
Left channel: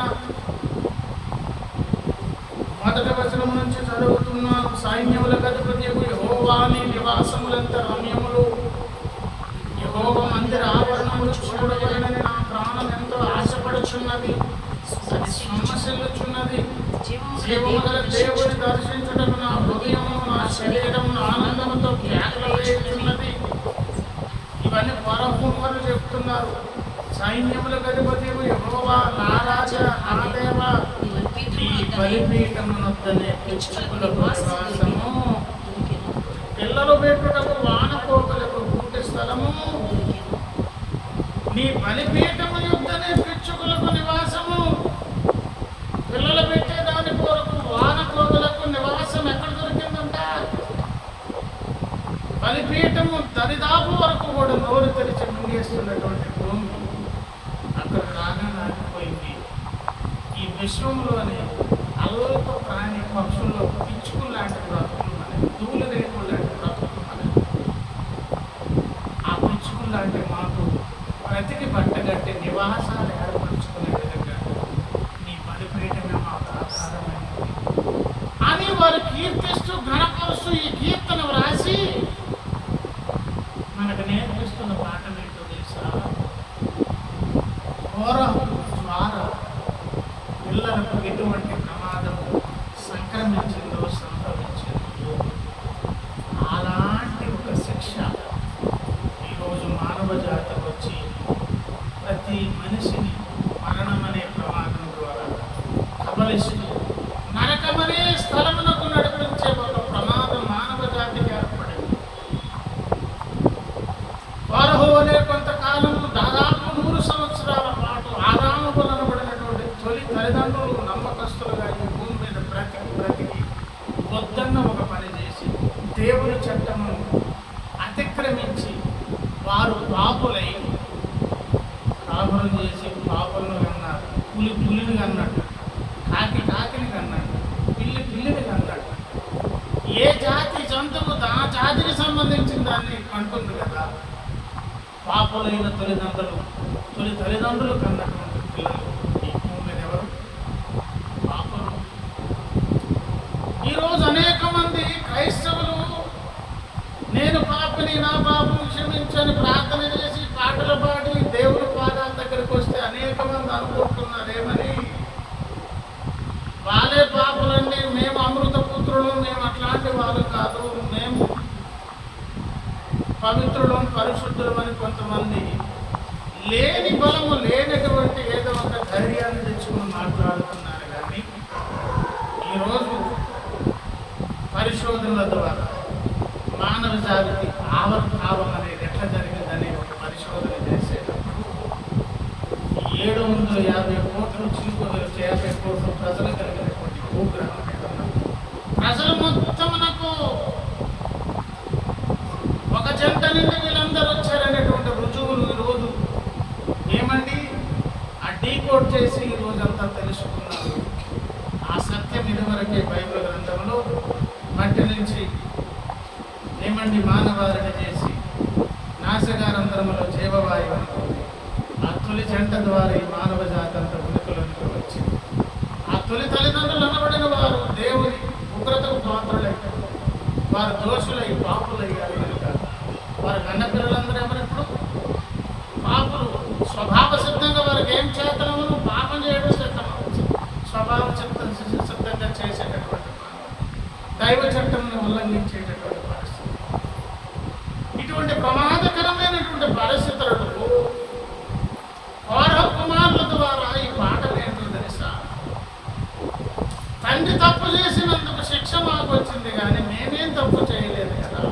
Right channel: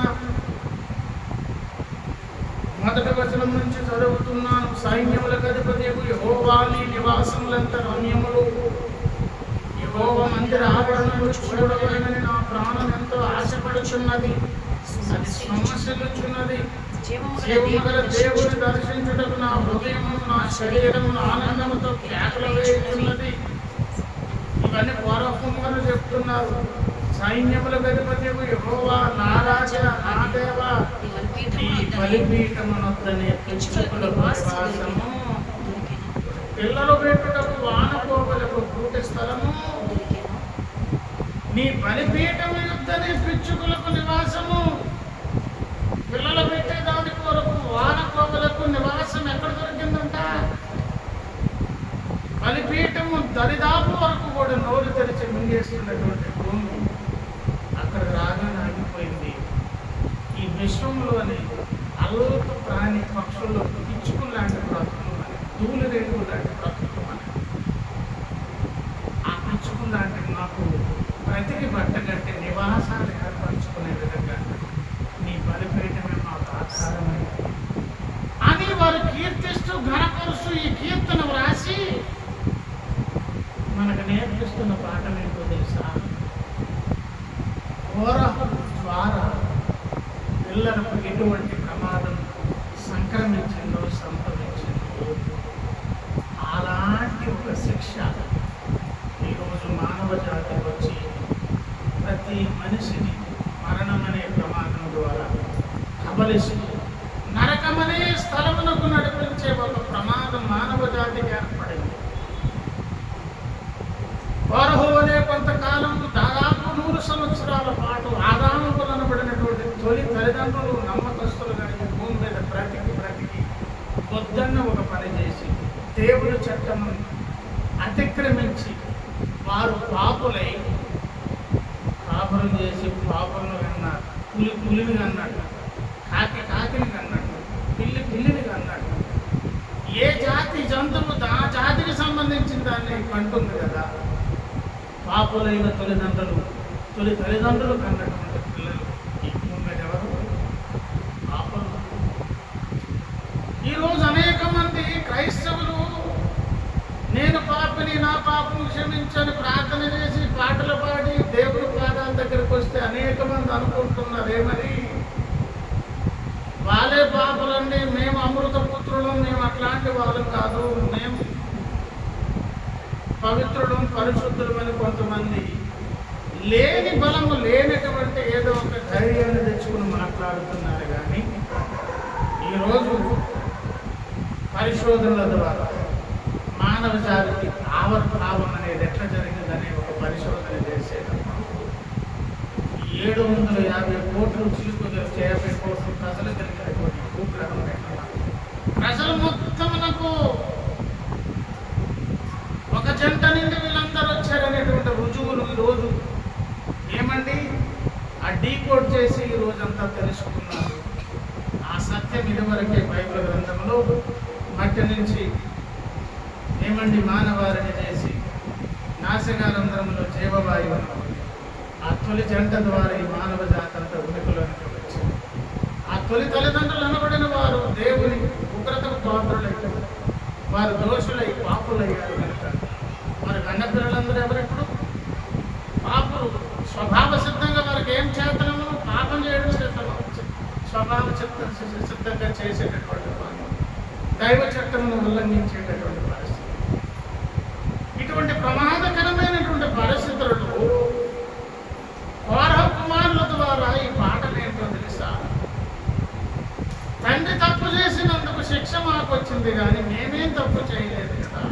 మొదటి వచనం నుంచి చదువుతున్నాను. సైన్యములకు అధిపతియగు యెహోవా నీ నివాసములంత రమ్యములు, యెహోవా మందిర ఆవరణములు చూడవలెనని నా ప్రాణం ఎంతో ఆశపడుచున్నది. అది సమస్యలుచున్నది. జీవము గల దేవుని దర్శించుటకు నా హృదయమును నా శరీరమును ఆనందముతో కేకలు వేయుచున్నది. ఇవన్నీ పరహుమ్మలు చెప్తున్నారు. సైన్యములకు అధిపతియగు యెహోవా నా రాజా నా దేవా, ఈ బలిపీఠమునొద్దనే పిచ్చుకులకు నివాసము, పిల్లలు పెట్టుటకు వానకోకలకు కూటి స్థలము, నీ బలిపీఠము యొద్దనే పిచ్చుకులకు నివాసము. పిల్లలు పెట్టేదాని కొరకు వానకోకలకు నివాసం ఎక్కడ దొరికిందంట? బలిపీఠము దరిదాపు వరకు కూడా నోరు తెరిచి మింగేస్తున్నటువంటి భూమి అక్కడ రాగానే ఆగిపోయింది. ఈ విశ్వంలోనే అల్ప ప్రాణి పక్షుల్లో పిచ్చుకులు లాంటి బ్రతుకులు మనకి, దూలు రేణువులు లాంటి బ్రతుకులు మనకి. ఆ పిచ్చుకులు లాంటి మాకు బ్రతికి బట్టగట్టి నివాసాలు ఏర్పరచుకునే విధంగా నీ బలిపీఠమే మాకు ఆధారమైనది అని వారు కీర్తిస్తూ ఘనపరుస్తూ ఈ కీర్తన వ్రాసి మనకు నేర్పిస్తున్న పాఠం ఏంటో తెలుసా? ఘోర ద్వారా పిల్లలకు ఎటువంటి ప్రమాదం సంక్రమించిందో సంభవించిందో అలాంటి ఒక శిక్ష ఈరోజు మానవ జాతికి వచ్చి ప్రతి మనిషిని మరణం అనే ప్రమాదం ద్వారా కబలిస్తూ నరకమనే స్థలమునకు నడిపించే ఒక ప్రమాదం మానవ జాతికి ఏర్పడింది. ఫరో అనే కొంతకాలం దాదాపు 100 సంవత్సరాల పాటు ఆదాము వలనబడినటువంటి తొలి తల్లిదండ్రులు నమ్మకస్తులుగా ఈ భూమి మీద బ్రతికి వద్దన్న ఒక పని చేసి దేవుని చట్టము అతిక్రమించి వారు పాపులై కాపురం చేసి పాపులను కన్నారు. పులిని కన్నట్టు, కాకిని కన్నట్టు, పిల్లిని కన్నట్టు. ఏ జాతి జంతువు ఆ జాతికి సంబంధించిన దాన్ని కంటుంది కదా. పాపులైన తొలి తల్లిదండ్రులు కన్నటువంటి పిల్లలు ఈ భూమి మీద ఎవరు? పాపులు. ఈరోజు అనేక మంది క్రైస్తవులు నేను పాపిని, నా పాపము క్షమించని ప్రార్థన చేసి పాటలు పాడి దేవుని పాదాల దగ్గరికి వస్తే అనేక మంది అనుకుంటున్నారు ఏమని? వాళ్ళే పాపులండి, మేము అమృత పుత్రులు, మేము అట్లాంటి వాళ్ళు కాదు, మేము పవిత్రులు పరిశుద్ధులు అని కొంతమంది లేని బలము లేనటువంటి ఏదో ఒక ధైర్యాన్ని తెచ్చుకుని మాట్లాడుతున్నారు. కానీ ఈరోజు పరిశోధనల ద్వారా మానవ జాతికి ఆవిర్భావం అనేది ఎట్లా జరిగిందనే ఒక పరిశోధన చేసేటప్పుడు 750 కోట్లు చిలుకలు 50 కోట్లు ప్రజలు కలిగినటువంటి భూగ్రహం పెట్టున్నారు. ప్రజలు మొత్తమునకు ఒక జంట నుండి వీళ్ళందరూ వచ్చారనేటువంటి రుజువులు ఈరోజు ఏమండి ఆ డీకోడ్ చేసి ఈ రోజంతా తెలుసుకున్నారు. ఆ సత్యం ఇదివరకే బైబిల్ గ్రంథంలో మట్టి నుంచి ఏమండి మానవారిని చేసి నాసికారంధ్రములో జీవవాయువు అనుకోండి. ఆ తొలి జంట ద్వారా ఈ మానవ జాతి అంతా ఉనికిలోనికి వచ్చింది. ఆ తొలి తల్లిదండ్రులు అనబడిన వారు దేవుని ఉగ్రతకు పాత్రులైతే వారు దోషులై పాపులయ్యారు కనుక వారు కన్నపిల్లలందరూ ఎవరిప్పుడు పాపులు. స్వభావ సిద్ధంగా వారికి ఏం చేతనమును పాపం చేయడం సిద్ధమవుతుంది. స్వభావ సిద్ధంగా చేసేటటువంటి పని, దైవ చట్టమును ఉల్లంఘించేటటువంటి పరిస్థితి. ఇటువంటి ప్రమాదకరమైనటువంటి పరిస్థితులలో కౌరవ కుమారుల ద్వారా ఈ పాటలు ఏంటో తెలుసా? తండ్రి తప్పు చేసినందుకు శిక్ష మాకు వచ్చింది, కానీ మేమేం తప్పు చేయలేదు కదా.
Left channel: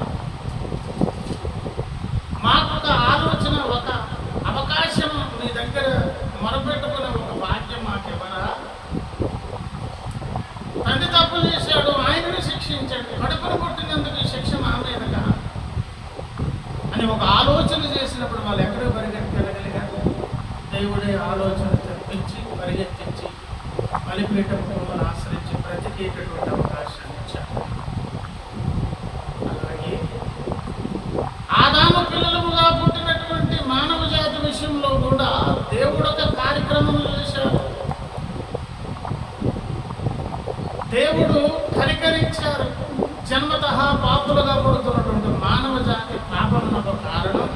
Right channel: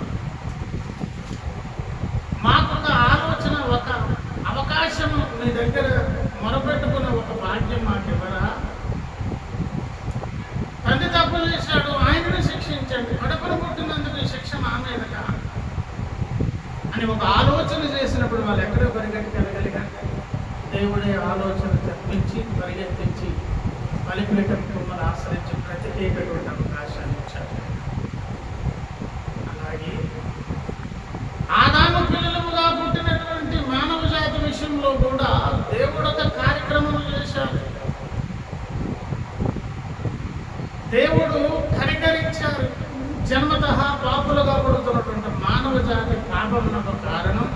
మొరపెట్టుకునే ఒక భాగ్యం మాకెవరా? తండ్రి తప్పు చేశాడు, ఆయనను శిక్షించండి, కడుపును పుట్టినందుకు ఈ శిక్ష మా మీదగా అని ఒక ఆలోచన చేసినప్పుడు వాళ్ళు ఎక్కడో పరిగెట్టుకెళ్ళగలిగారు. దేవుడే ఆలోచన తెప్పించి పరిగెత్తించి బలిపీఠం కొమ్మలు ఆశ్రయించి బ్రతికేటటువంటి అవకాశాన్ని ఇచ్చారు. అలాగే ఆదాము పిల్లలుగా పుట్టినటువంటి మానవ జాతి విషయంలో కూడా దేవుడు ఒక కార్యక్రమం చేశాడు. దేవుడు కనికరించారు. జన్మతః పాపులుగా పుడుతున్నటువంటి మానవ జాతి పాపమునకు కారణం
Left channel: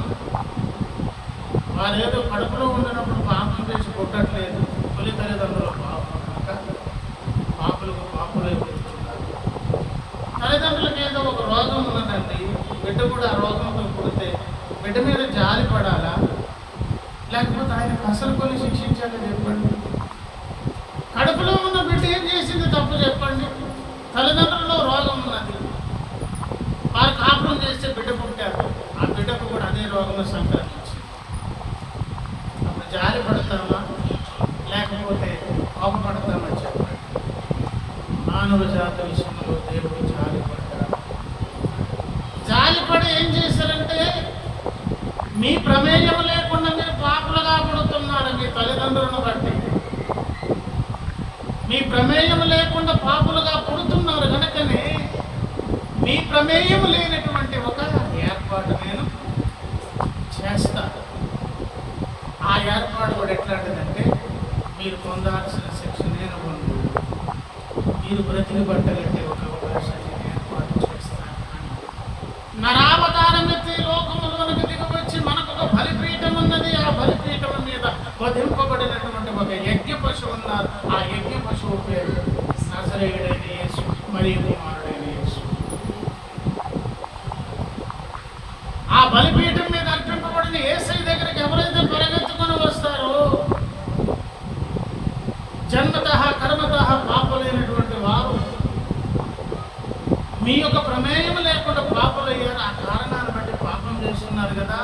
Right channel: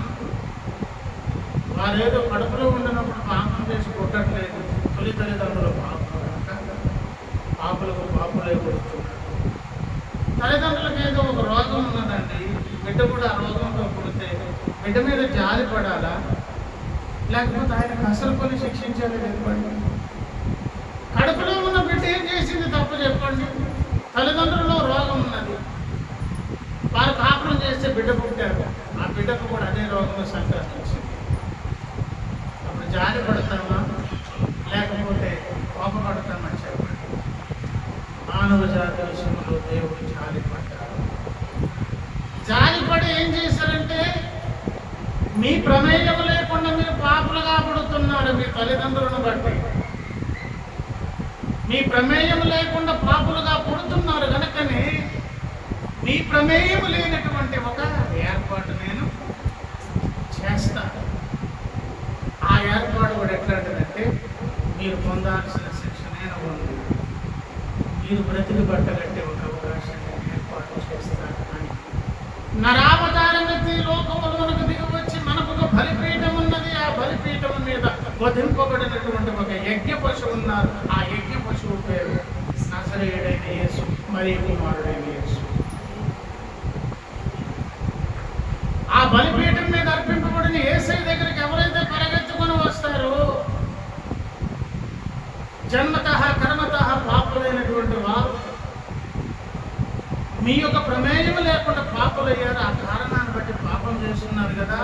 వారేదో కడుపులో ఉండినప్పుడు పాపం చేసి పుట్టట్లేదు. తొలి తల్లిదండ్రుల పాపం కనుక పాపులకు పాపులే పుడుతున్నారు. తల్లిదండ్రులకు ఏదో ఒక రోగం ఉన్నదండి, బిడ్డ కూడా ఆ రోగంతో పుడితే బిడ్డ మీద జాలి పడాలా, లేకపోతే ఆయనకు అసలు కొని శిక్షించాలి చెప్పండి? కడుపులో ఉన్న బిడ్డ ఏం చేసింది తప్పు చెప్పండి? తల్లిదండ్రుల్లో రోగం ఉన్నది, వారు కాపురం చేస్తే బిడ్డ పుట్టారు, ఆ బిడ్డకు కూడా అదే రోగం సంక్రమించింది. అప్పుడు జాలి పడతామా లేకపోతే కోపపడతామా చెప్పండి? మానవ జాతి విషయంలో దేవుడు జాలి పడ్డాడు. జాలిపడి ఏం చేశారంటే, మీ ప్రమేయం లేకుండా మీరు పాపులుగా పుడుతున్నారు. మీ తల్లిదండ్రులను బట్టి మీ ప్రమేయం లేకుండా పాపులుగా పుడుతున్నారు కనుకనే మీ ప్రమేయం లేనటువంటి ఒక ఏర్పాటు నేను చేస్తాను. ఆ ఏర్పాటు కూడా ఎట్లాంటిదంటే, మీరు పొందాల్సిన శిక్ష నేను పొంది మీరు బ్రతికి బట్టగట్టే ఒక అవకాశాన్ని ఏర్పాటు చేస్తాను అని నరావతారం ఎత్తి లోకములోనికి దిగవచ్చి మనకు ఒక బలిపీఠం ఉన్నది. ఆ బలిపీఠం మీద వధింపబడినటువంటి ఒక యజ్ఞ పశువు ఉన్నారు. ఆ యజ్ఞ పశువు పేరు నజరేయుడైన యేసు, మరియు కుమారుడైన యేసు. ఆ బలిపీఠం మీద అర్పింపబడిన యేసయ్య దగ్గరికి ఎవరైతే పరిగెత్తుకొని వస్తారో, జన్మతః కర్మతః పాపులైనటువంటి వారు మీ యొక్క ప్రమేయం లేకుండా పాపులయ్యారు. ఆ కారణాన్ని బట్టి పాపం చేస్తున్నారు కదా,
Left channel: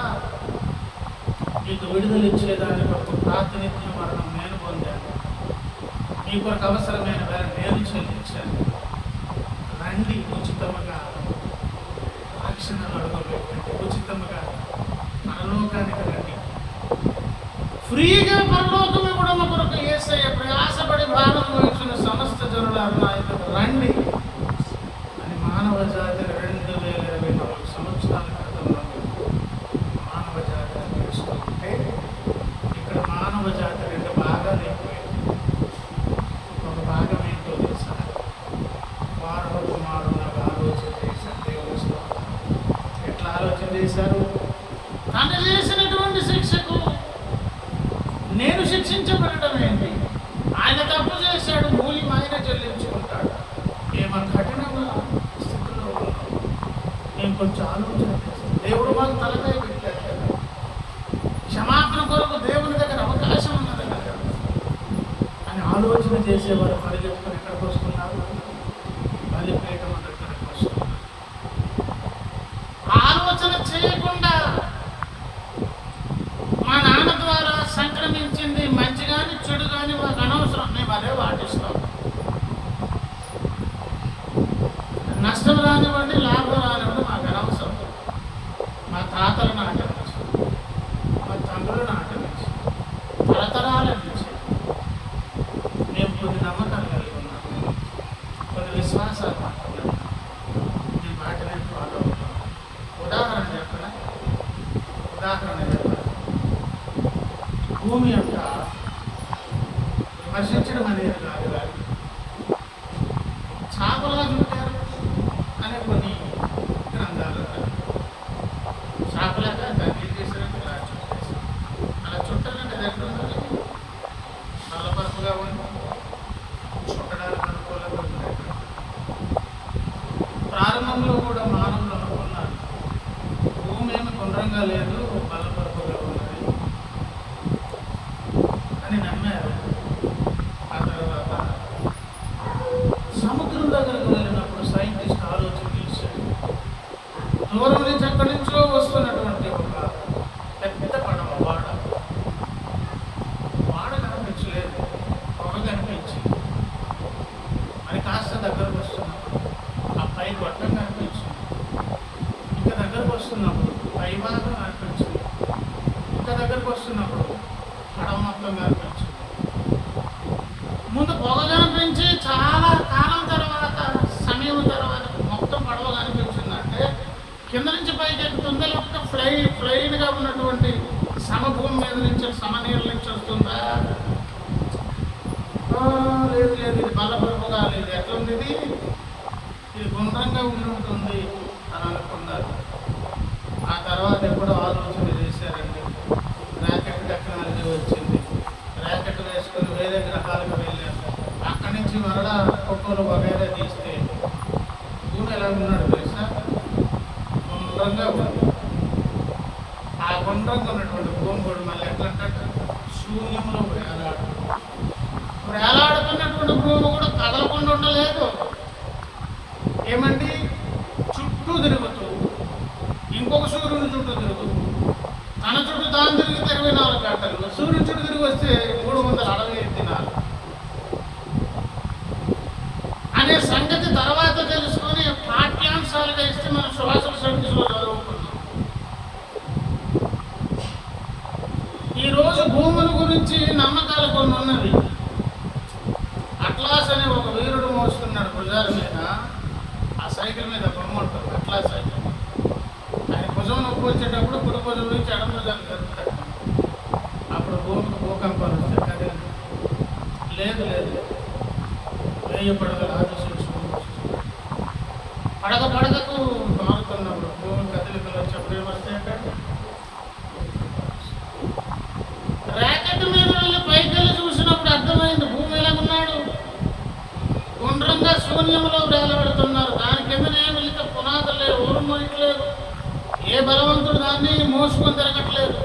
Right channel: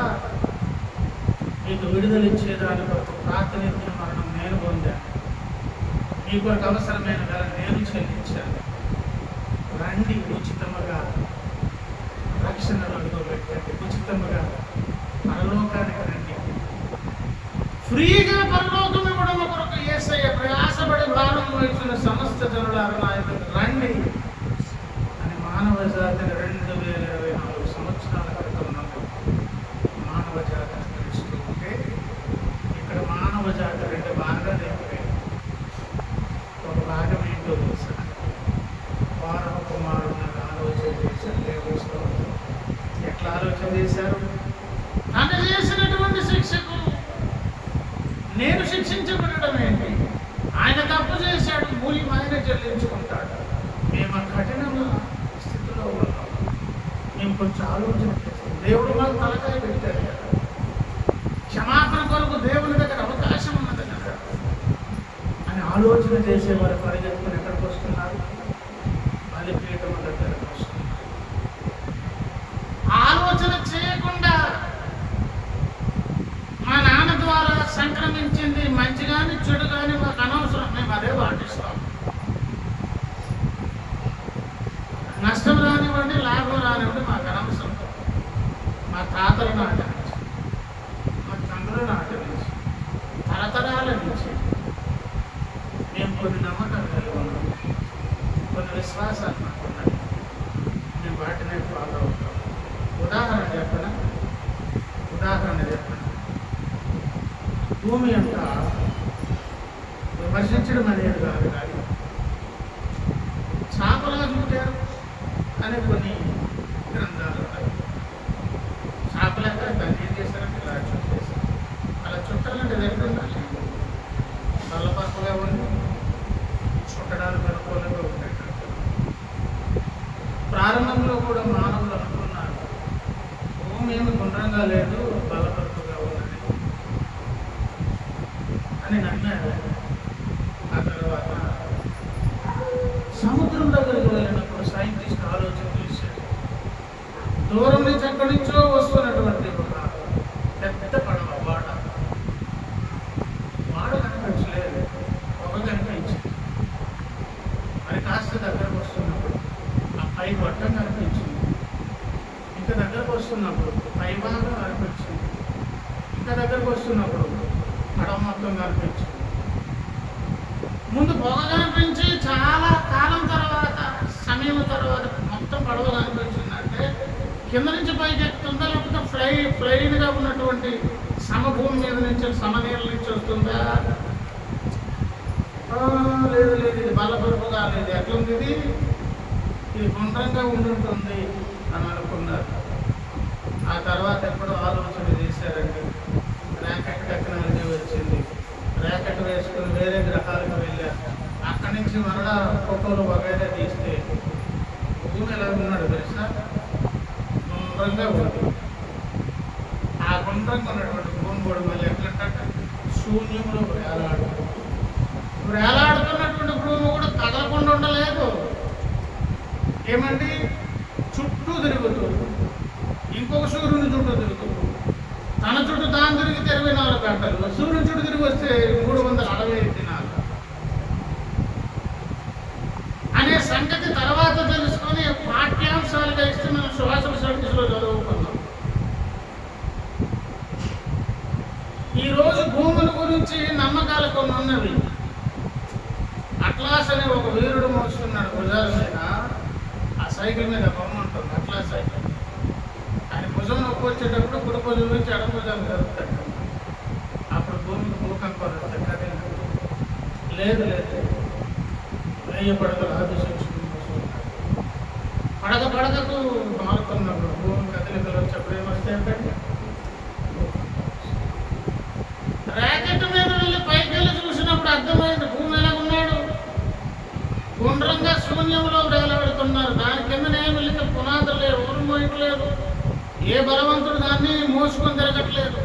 మీకు విడుదల ఇచ్చేదాని కొరకు ప్రాతినిధ్య మరణం నేను పొందాను, మీ కొరకు అవసరమైన వేళ నేను చెల్లించాను. రండి, ఉచితముగా రక్షణను అడుగుపెట్టండి, ఉచితముగా పరలోకానికి రండి. ఫ్రీగా పరలోకం ఇవ్వడం కొరకు యేసయ్య ప్రయాసపడి భారం వహించిన సమస్త జనులారు నా యొద్దకు రండి అని మానవ జాతిని 2024 సంవత్సరాల క్రితం నుండి మానవ జాతిని పిలుస్తుంటే, ఇక్కడ మానవ జాతి 2 భాగాలు అయిపోయాయి. ఒక భాగం ఏంటో తెలుసా? వారు కుమారులకు ఆలోచన చేశారు. దేవుడు ఎట్లా ఆలోచన చేశారు? తను చేసినటువంటి శిక్షకు నేను శిక్షించబడడం ఏంటి? ఆయన తప్పు చేశాడు, మూల్యం ఆయన చెల్లించుకుంటాడు. మేము కఠినంగా స్థితిలో ఉన్నాం, మేము కొంచెం ఆలోచన చేస్తాం. దేవుడు మాకు తలకాయ పెట్టాడు కదా, క్షమాపణ కొరకు దేవుని దగ్గర అవకాశం ఉన్నది కదా అని ఆలోచన చేసేవారు పరిగెత్తుకుని ఎక్కడికి వస్తున్నారు? బలిపీఠం దగ్గరకు వస్తున్నారు. ఆలోచన చేయకుండా మా నాన్న ద్వారా సంక్రమించింది మంచి కానీ చెడు కానీ మాకు అనవసరం, మేము అదే పాటిస్తాం. నష్టం రానివ్వండి, లాభం రానివ్వండి, మాకు అనవసరం. మా తాతల నాటి నుంచి, మా తండ్రుల నాటి నుంచి, తరతరాల నుంచి మేము కొన్ని నమ్మకాలు కలిగి ఉన్నాం, కొన్ని విశ్వాసాలు మాకు ఉన్నాయి. మేము వాటినే ఫాలో అవుతాం. ఉదాహరణ చెప్పనా? భూమి అంతా విమర్శించడం అనేది కాదు, కానీ చేపలా చుట్టారు అనే కొన్ని గ్రంథాలు ఉన్నాయి. చేపలాగా దాన్ని ఏం చేశారంటే ఇలా చుట్టేశారు. అలా చుట్టాలంటే ఎక్కడ ఉండాలి? నల్లపరపుగా ఉండి చుట్టడానికి అనుకూలంగా ఉంటాయి. ప్రారంభంలో కూడా మానవులు అనుకున్నారు భూమి ఏమి గుండ్రంగా లేదు, బలపరపుగా ఉన్నది అని నమ్మారు. ఆ తర్వాత సముద్రం దగ్గరికి వెళ్ళినప్పుడు సైంటిస్ట్ ఆలోచన చేశాడు. దూరం నుంచి ఎక్కడి నుంచో వస్తున్నటువంటి ఒక పెద్ద పడవ, వాడ ఇంకా దగ్గరకు వస్తున్నప్పుడు పైభాగం కనిపించింది, ఇంకా దగ్గరకు వస్తున్నప్పుడు పడవ మొత్తం కనిపించింది. ముందు పొగ కనిపించి చాలా కాలం తర్వాత, సమయం తర్వాత మొత్తం పడవ కనిపించిందంటే కింద నుంచి పైకి ఎక్కుతుందా, లేకపోతే ఫ్లైన్గా ఉన్నటువంటి సమభూమి మీద నుంచి, సమనీళ్ళ నుంచి వస్తుందా? లేదు లేదు, ఇది బల్లపరుపు కాలేదు, ఎట్లుంది ఇది గుండ్రంగా ఉండుంటుంది అని అనుకున్నారు. ఆ తర్వాత ఎప్పుడో ఆలోచన చేశారండి. ర్యాకెట్ టెక్నాలజీ వచ్చింది, ర్యాకెట్ వేసుకొని వేరే గ్రహాలకు వెళ్ళారు. అక్కడి నుంచి మరలా ఫోటోలు వగైరా తీస్తే భూమి ఎలా ఉన్నాడు తెలుసా? గుండ్రంగా ఉంది. ఆ గుండ్రంగా ఉన్నటువంటి భూమి కూడా మళ్ళీ ఎట్లంటే శూన్యంలో వేలాడుతున్నటువంటి భూమి కూడా కదలకుండా ఉండలేదు. ఏమండి, చుట్టూ తిరుగుతూ ఇంకొక సూర్యుని చుట్టూ తిరుగుతూ, తన చుట్టూ తాను తిరిగితే 24 గంటలు, సూర్యుని చుట్టూ తిరిగి వస్తే 365 దినాలు అనే సంగతి తర్వాత తెలుసుకొని పాఠ్యాంశాలుగా ఇస్తే మనం సోషల్ స్టడీస్లో చదువుకున్నాం. ఈరోజు భూముల గురించి నమ్మకాలు కొన్ని ఉన్నవి. అట్లాస్ అనే ఒక వీరుడు మోస్తున్నాడు భుజాల మీద, ఆ సైకిల్ మీద బొమ్మ ఉంటుంది, అట్లాస్ సైకిల్. ఆయన భుజం నొప్పి వచ్చేటప్పుడు కుడి భుజం నుంచి ఎడం భుజాన్ని జరుపుతాడు. అప్పుడు భూమికి భూకంపాలు వస్తాయి కదా. లేదు లేదు, 1000 పడగలు ఆదిశేషుడు పడగకు మారుతున్నప్పుడు భూమి కదలికలు వచ్చేప్పుడు ఏమొస్తాయంటే, ర్యాకెట్ మీద వెళ్ళి పైకి వెళ్ళి చూసినప్పుడు అర్థమైంది భూమి ఎలాగున్నాడు. గుండ్రంగా శూన్యంలో వేలాడుతున్నారు. దాని కిందనేమి వెళితే పునాదులు లేవు, ఊరు మోయట్లేదు, ఏ బలవంతుడు దాన్ని మోసుకొని తిరగట్లేదు.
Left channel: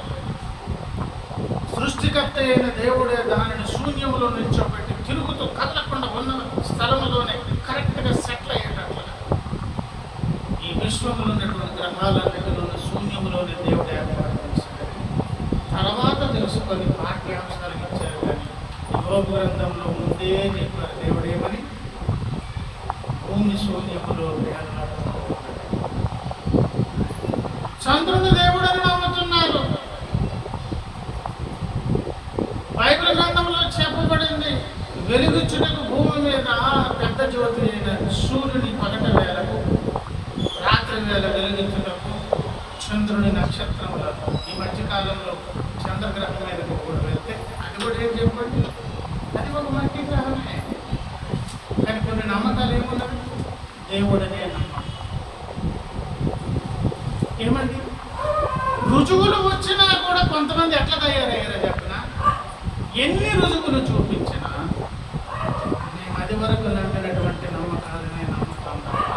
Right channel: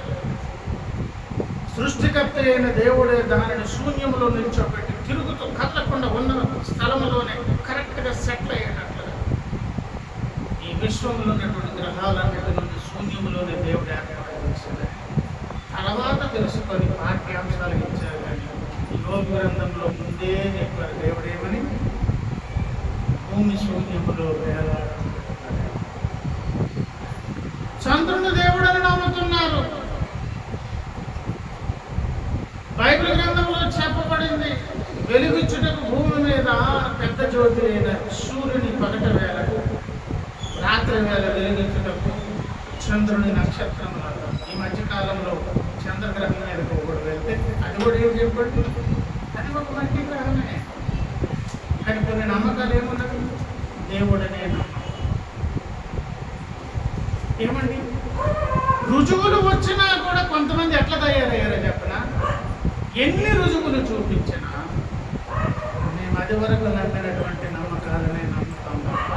సృష్టికర్త అయిన దేవుడే దానిని శూన్యంలో నిల్చోబెట్టి తిరుగుతూ కదలకుండా ఉన్న స్థలంలోనే కరెక్ట్గా సెటిల్ అయ్యేటట్లుగా ఈ విశ్వంలో ఉన్నటువంటి గ్రహాలన్నిటిలోని శూన్యంలోనే దేవుడు ఏర్పాటు చేశాడని తర్వాత తెలుసుకొని పాఠ్యాంశాలకు ఇచ్చారు. కానీ యోగ గ్రంథంలో ముందే చెప్పారు దేవుడేమని, భూమి శూన్యములో వేలాడుతున్నాడు. చంద్రుని దేవుడని నమ్ముతున్నారు. బైబిల్ గ్రంథంలో చెప్పబడింది, వెలుగుచ్చుటకు భూమి మీద పెద్ద జ్యోతి అయిన సూర్యుని పగట వేళకు, రాత్రి వేళ వెలుగుచ్చుటకు చంద్రుని నక్షత్రములను. ఈ మధ్యకాలంలో చంద్రగ్రహం మీదకు కూడా వెళ్తే అది కూడా ఏం చెప్పండి, అది ఒక మట్టి గ్రహమే. కానీ కొన్ని నమ్మకాలు ఏమున్నవి, దేవుడనే నమ్మకం. ఏమండి, రుజువులు వచ్చినా కూడా కొంతమంది ఎట్లా తయారయ్యారో చెప్పినా, ఎన్ని రుజువులు చూపించినా మేము అది వరకు నమ్మినటువంటి నమ్మకాలనే నమ్ముతాం తప్ప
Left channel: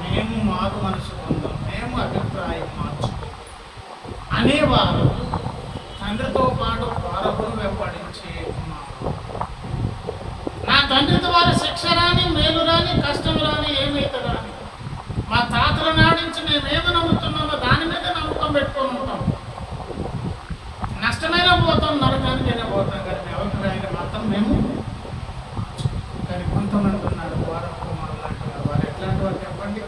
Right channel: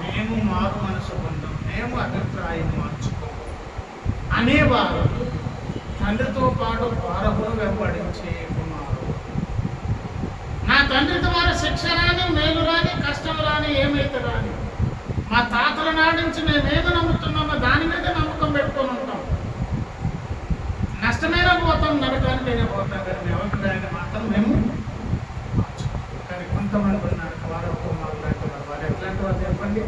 మేము మారు మనసు పొందాం, మేము అభిప్రాయం మార్చుకోం అనేవారు తండ్రితో పాటు వారమును వెంబడించే కుమారుడు. నా తండ్రి ద్వారా శిక్ష రాని, మేలు రాని, కష్టం రాని, ఏమైతే రాని, మా తాతల నాడించి మేమేమి నమ్ముతున్నామో దాని మీద నమ్మకం పెట్టుకొని ఉంటాం. నష్టమైనా పోతాం, నరకానికైనా పోతాం, కానీ మీ అభిప్రాయాన్ని మాత్రం మేము. కానీ కొంతమంది ఉన్నారు వారు కుమారులు లాంటి వారు. ఎట్లాంటి వారు చెప్పండి,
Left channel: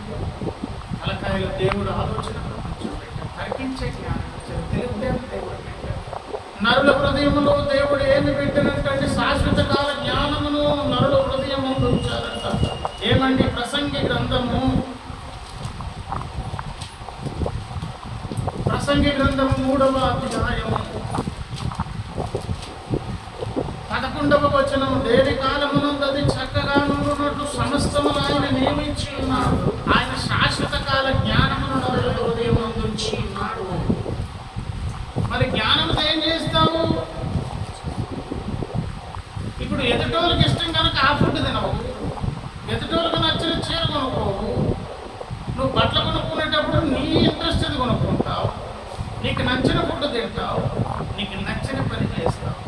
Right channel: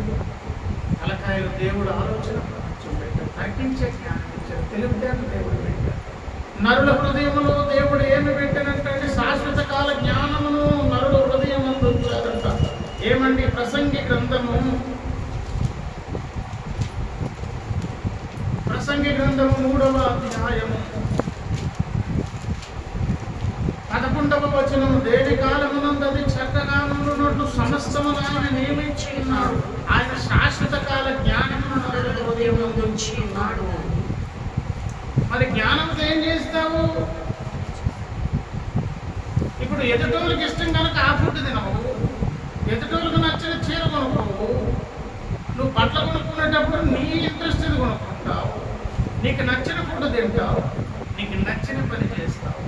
తలకాయలు దేవుడు ఆలోచన ప్రపంచం పెట్టాం, తర్కించే జ్ఞానం ఇచ్చారు, తెలివితేటలు దేవుడు పెట్టారు. నరుల హృదయములో దేవుడు ఏమి పెట్టినట్టంటే శాశ్వత కాల జ్ఞానమును నరుల హృదయం ముందు ఉంచారంట. ఏమండి, ప్రసంగి గ్రంథము 3వ అధ్యాయము 11వ వచనము, దేని కాలమునందు అది చక్కగా నుండునట్లు సమస్తమును ఆయన నియమించి ఉన్నాడు. ఆయన శాశ్వత కాల జ్ఞానమును నరుల హృదయం నందు ఉంచి ఉన్నాడు. మరి జ్ఞానంతో ఏం చేస్తావు? ఇప్పుడు ఎదుటోళ్ళకి ఇష్టం కనుక ఆ ఫుడ్ తినవు, ఎదుటోళ్ళకి నచ్చిన చీర కొనుక్కోవు, నువ్వు బట్టలు కొనుక్కునేటప్పుడు నీ ఇంట్రెస్ట్ ఇది కొనుక్కుంటావు, నీకు నచ్చిన ఫుడ్ తింటావు, నీకు నచ్చిన పని చేస్తావు.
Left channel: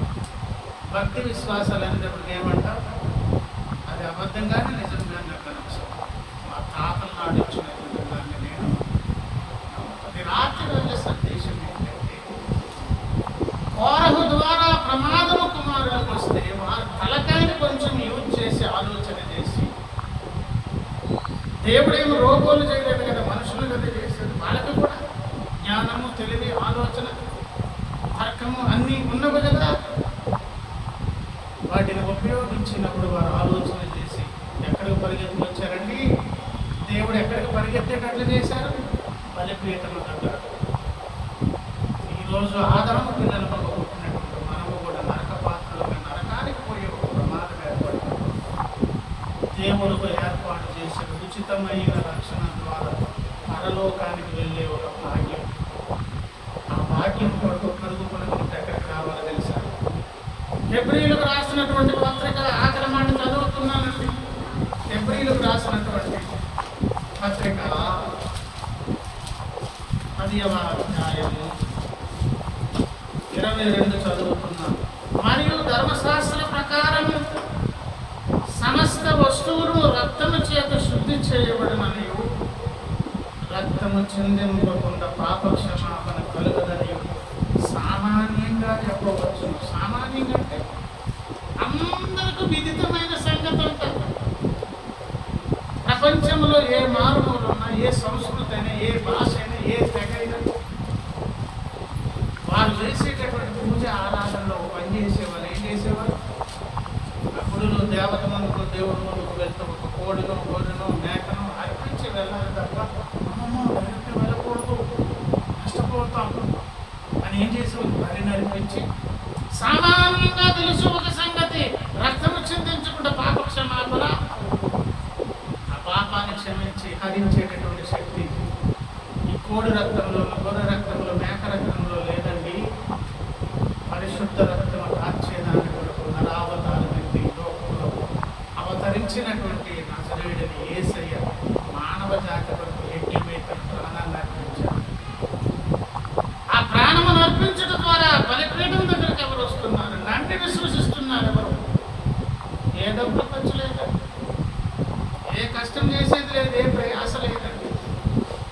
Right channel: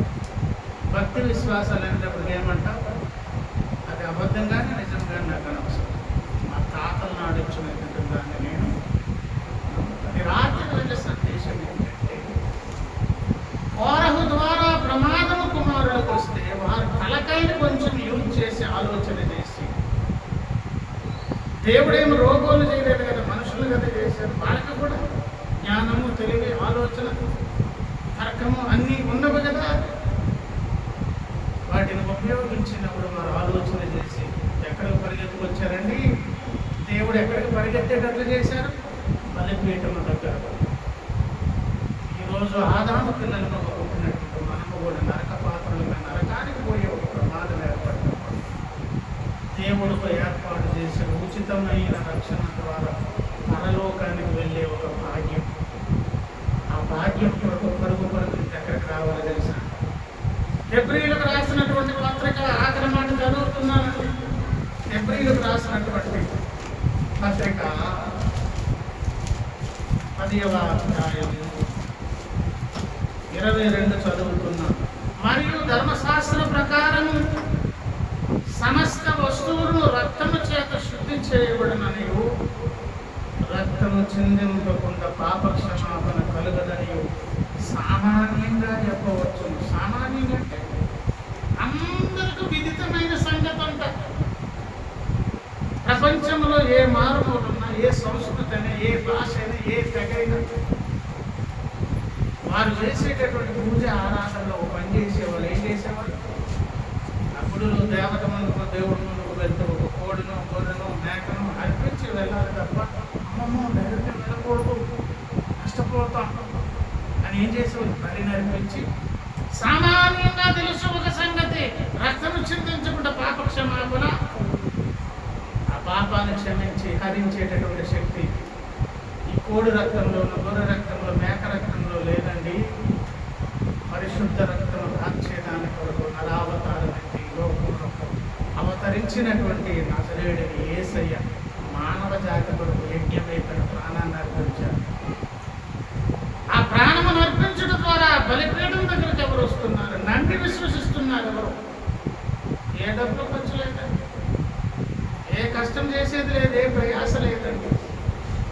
భక్తి విశ్వాసాలు అనేటప్పటికి ఏమంటావు, అది అబద్ధంగానే నిజంగా నాకు అనవసరం, మా తాతలు నాడిచ్చినటువంటి దాన్ని నేను నమ్ముతాను. రాత్రి వెళ్ళే సందేశం ఏంటంటే, కోరహు ద్వారా ప్రమాదము కుమారులకు వస్తే వారు తలకాయని కొంచెం యూజ్ చేసి ఆలోచన చేసి, దేవుడేమో రోబోలు చేయలేదు కదా, మనుషులు కదా చేశారు. పథకము అన్నీ ఉన్నవి కదా. వాటిని ఉపయోగించినప్పుడు వారు ఆలోచన చేసి ఎక్కడికి పరిగెత్తుకు వచ్చారండి? దేవుడు ఎక్కడికి పరిగెత్తేటట్లు చేశారు? బలిపీఠము దగ్గర. ఈరోజు ఆదాము పిల్లలు మనకు పుట్టినటువంటి మనము కూడా నరక పాత్రలుగా నరకానికి పోయే ఒక ప్రమాదం ఏర్పడినప్పుడు దేవుడు ఏర్పాటు చేసిన ఉచితమైన రక్షణ ద్వారా పరలోకానికి వెళ్ళే ఒక భాగ్యం. ఆ భాగ్యం కొరకు పరుగు ఎక్కడికి రావాలి తెలుసా? హెబ్రీయులకు రాసినటువంటి పత్రిక ఆఖరి మాట చదువుతున్నానండి. హెబ్రీయులకు రాసినటువంటి పత్రిక 10వ అధ్యాయము 22 చదువుతున్నాను. మరియు ధర్మశాస్త్ర ప్రకారం సమస్త వస్తువులను రక్తము చేత శుద్ధి చేయబడిననియు రక్తము చిందింపకుండా పాప క్షమాపణ కలుగదనియు సామాన్యంగా చెప్పవచ్చు. సామాన్యంగా అంటే అందరికీ విదితమైన సంగతి అంట. ప్రపంచంలో ఏ మారుమూలన్నా, ఏ సంస్కృతి అయినా, ఏ భాష అయినా, ఏ తెగ అయినా వారు చేసేటటువంటి పూజ ఆరాధనలో పని చేసేవాళ్ళు ఏం చేసేవాళ్ళు? అప్పుడు దేవత ముందుకు, దేవుడి ముందుకు వెళ్తూ ఒక కోడినో గొర్రెనో మేకనో అర్పించి వెళ్ళాలి తప్ప అమ్మమ్మో డైరెక్ట్ వెళ్ళకూడదు, నష్టపోతాం అని ఏం చేసేవాళ్ళు? బలిని అర్పించి సామాన్యంగా తెలుసు ఒక సంగతి, రక్తము చిందించకుండా పాప క్షమాపణ, ఆ పాపాన్ని క్షమించి హరించేటటువంటి శక్తి ఈ కోడి రక్తంలో, గొర్రె రక్తంలో, మేక రక్తంలో లేదండి. పరిశుద్ధ రక్తము కాచేదాని కొరకు నరావతారం ఎత్తి లోకంలో అవతరించినటువంటి నజరేయుడిని యేసయ్య మానవ జాతి కొరకు యజ్ఞమే తన ప్రాణాన్ని అర్పించారు. ఆ ప్రాణమును అర్పించడం ద్వారా బలిపీఠం దగ్గరికి ఎవరు వస్తున్నారు? నన్ను విశ్వసిస్తున్నారు. ఎవరు? ఏ డబ్బులు ఖర్చు లేదండి, ఏ కష్టం చేసేది లేదు, ఏ ప్రయాస లేదండి.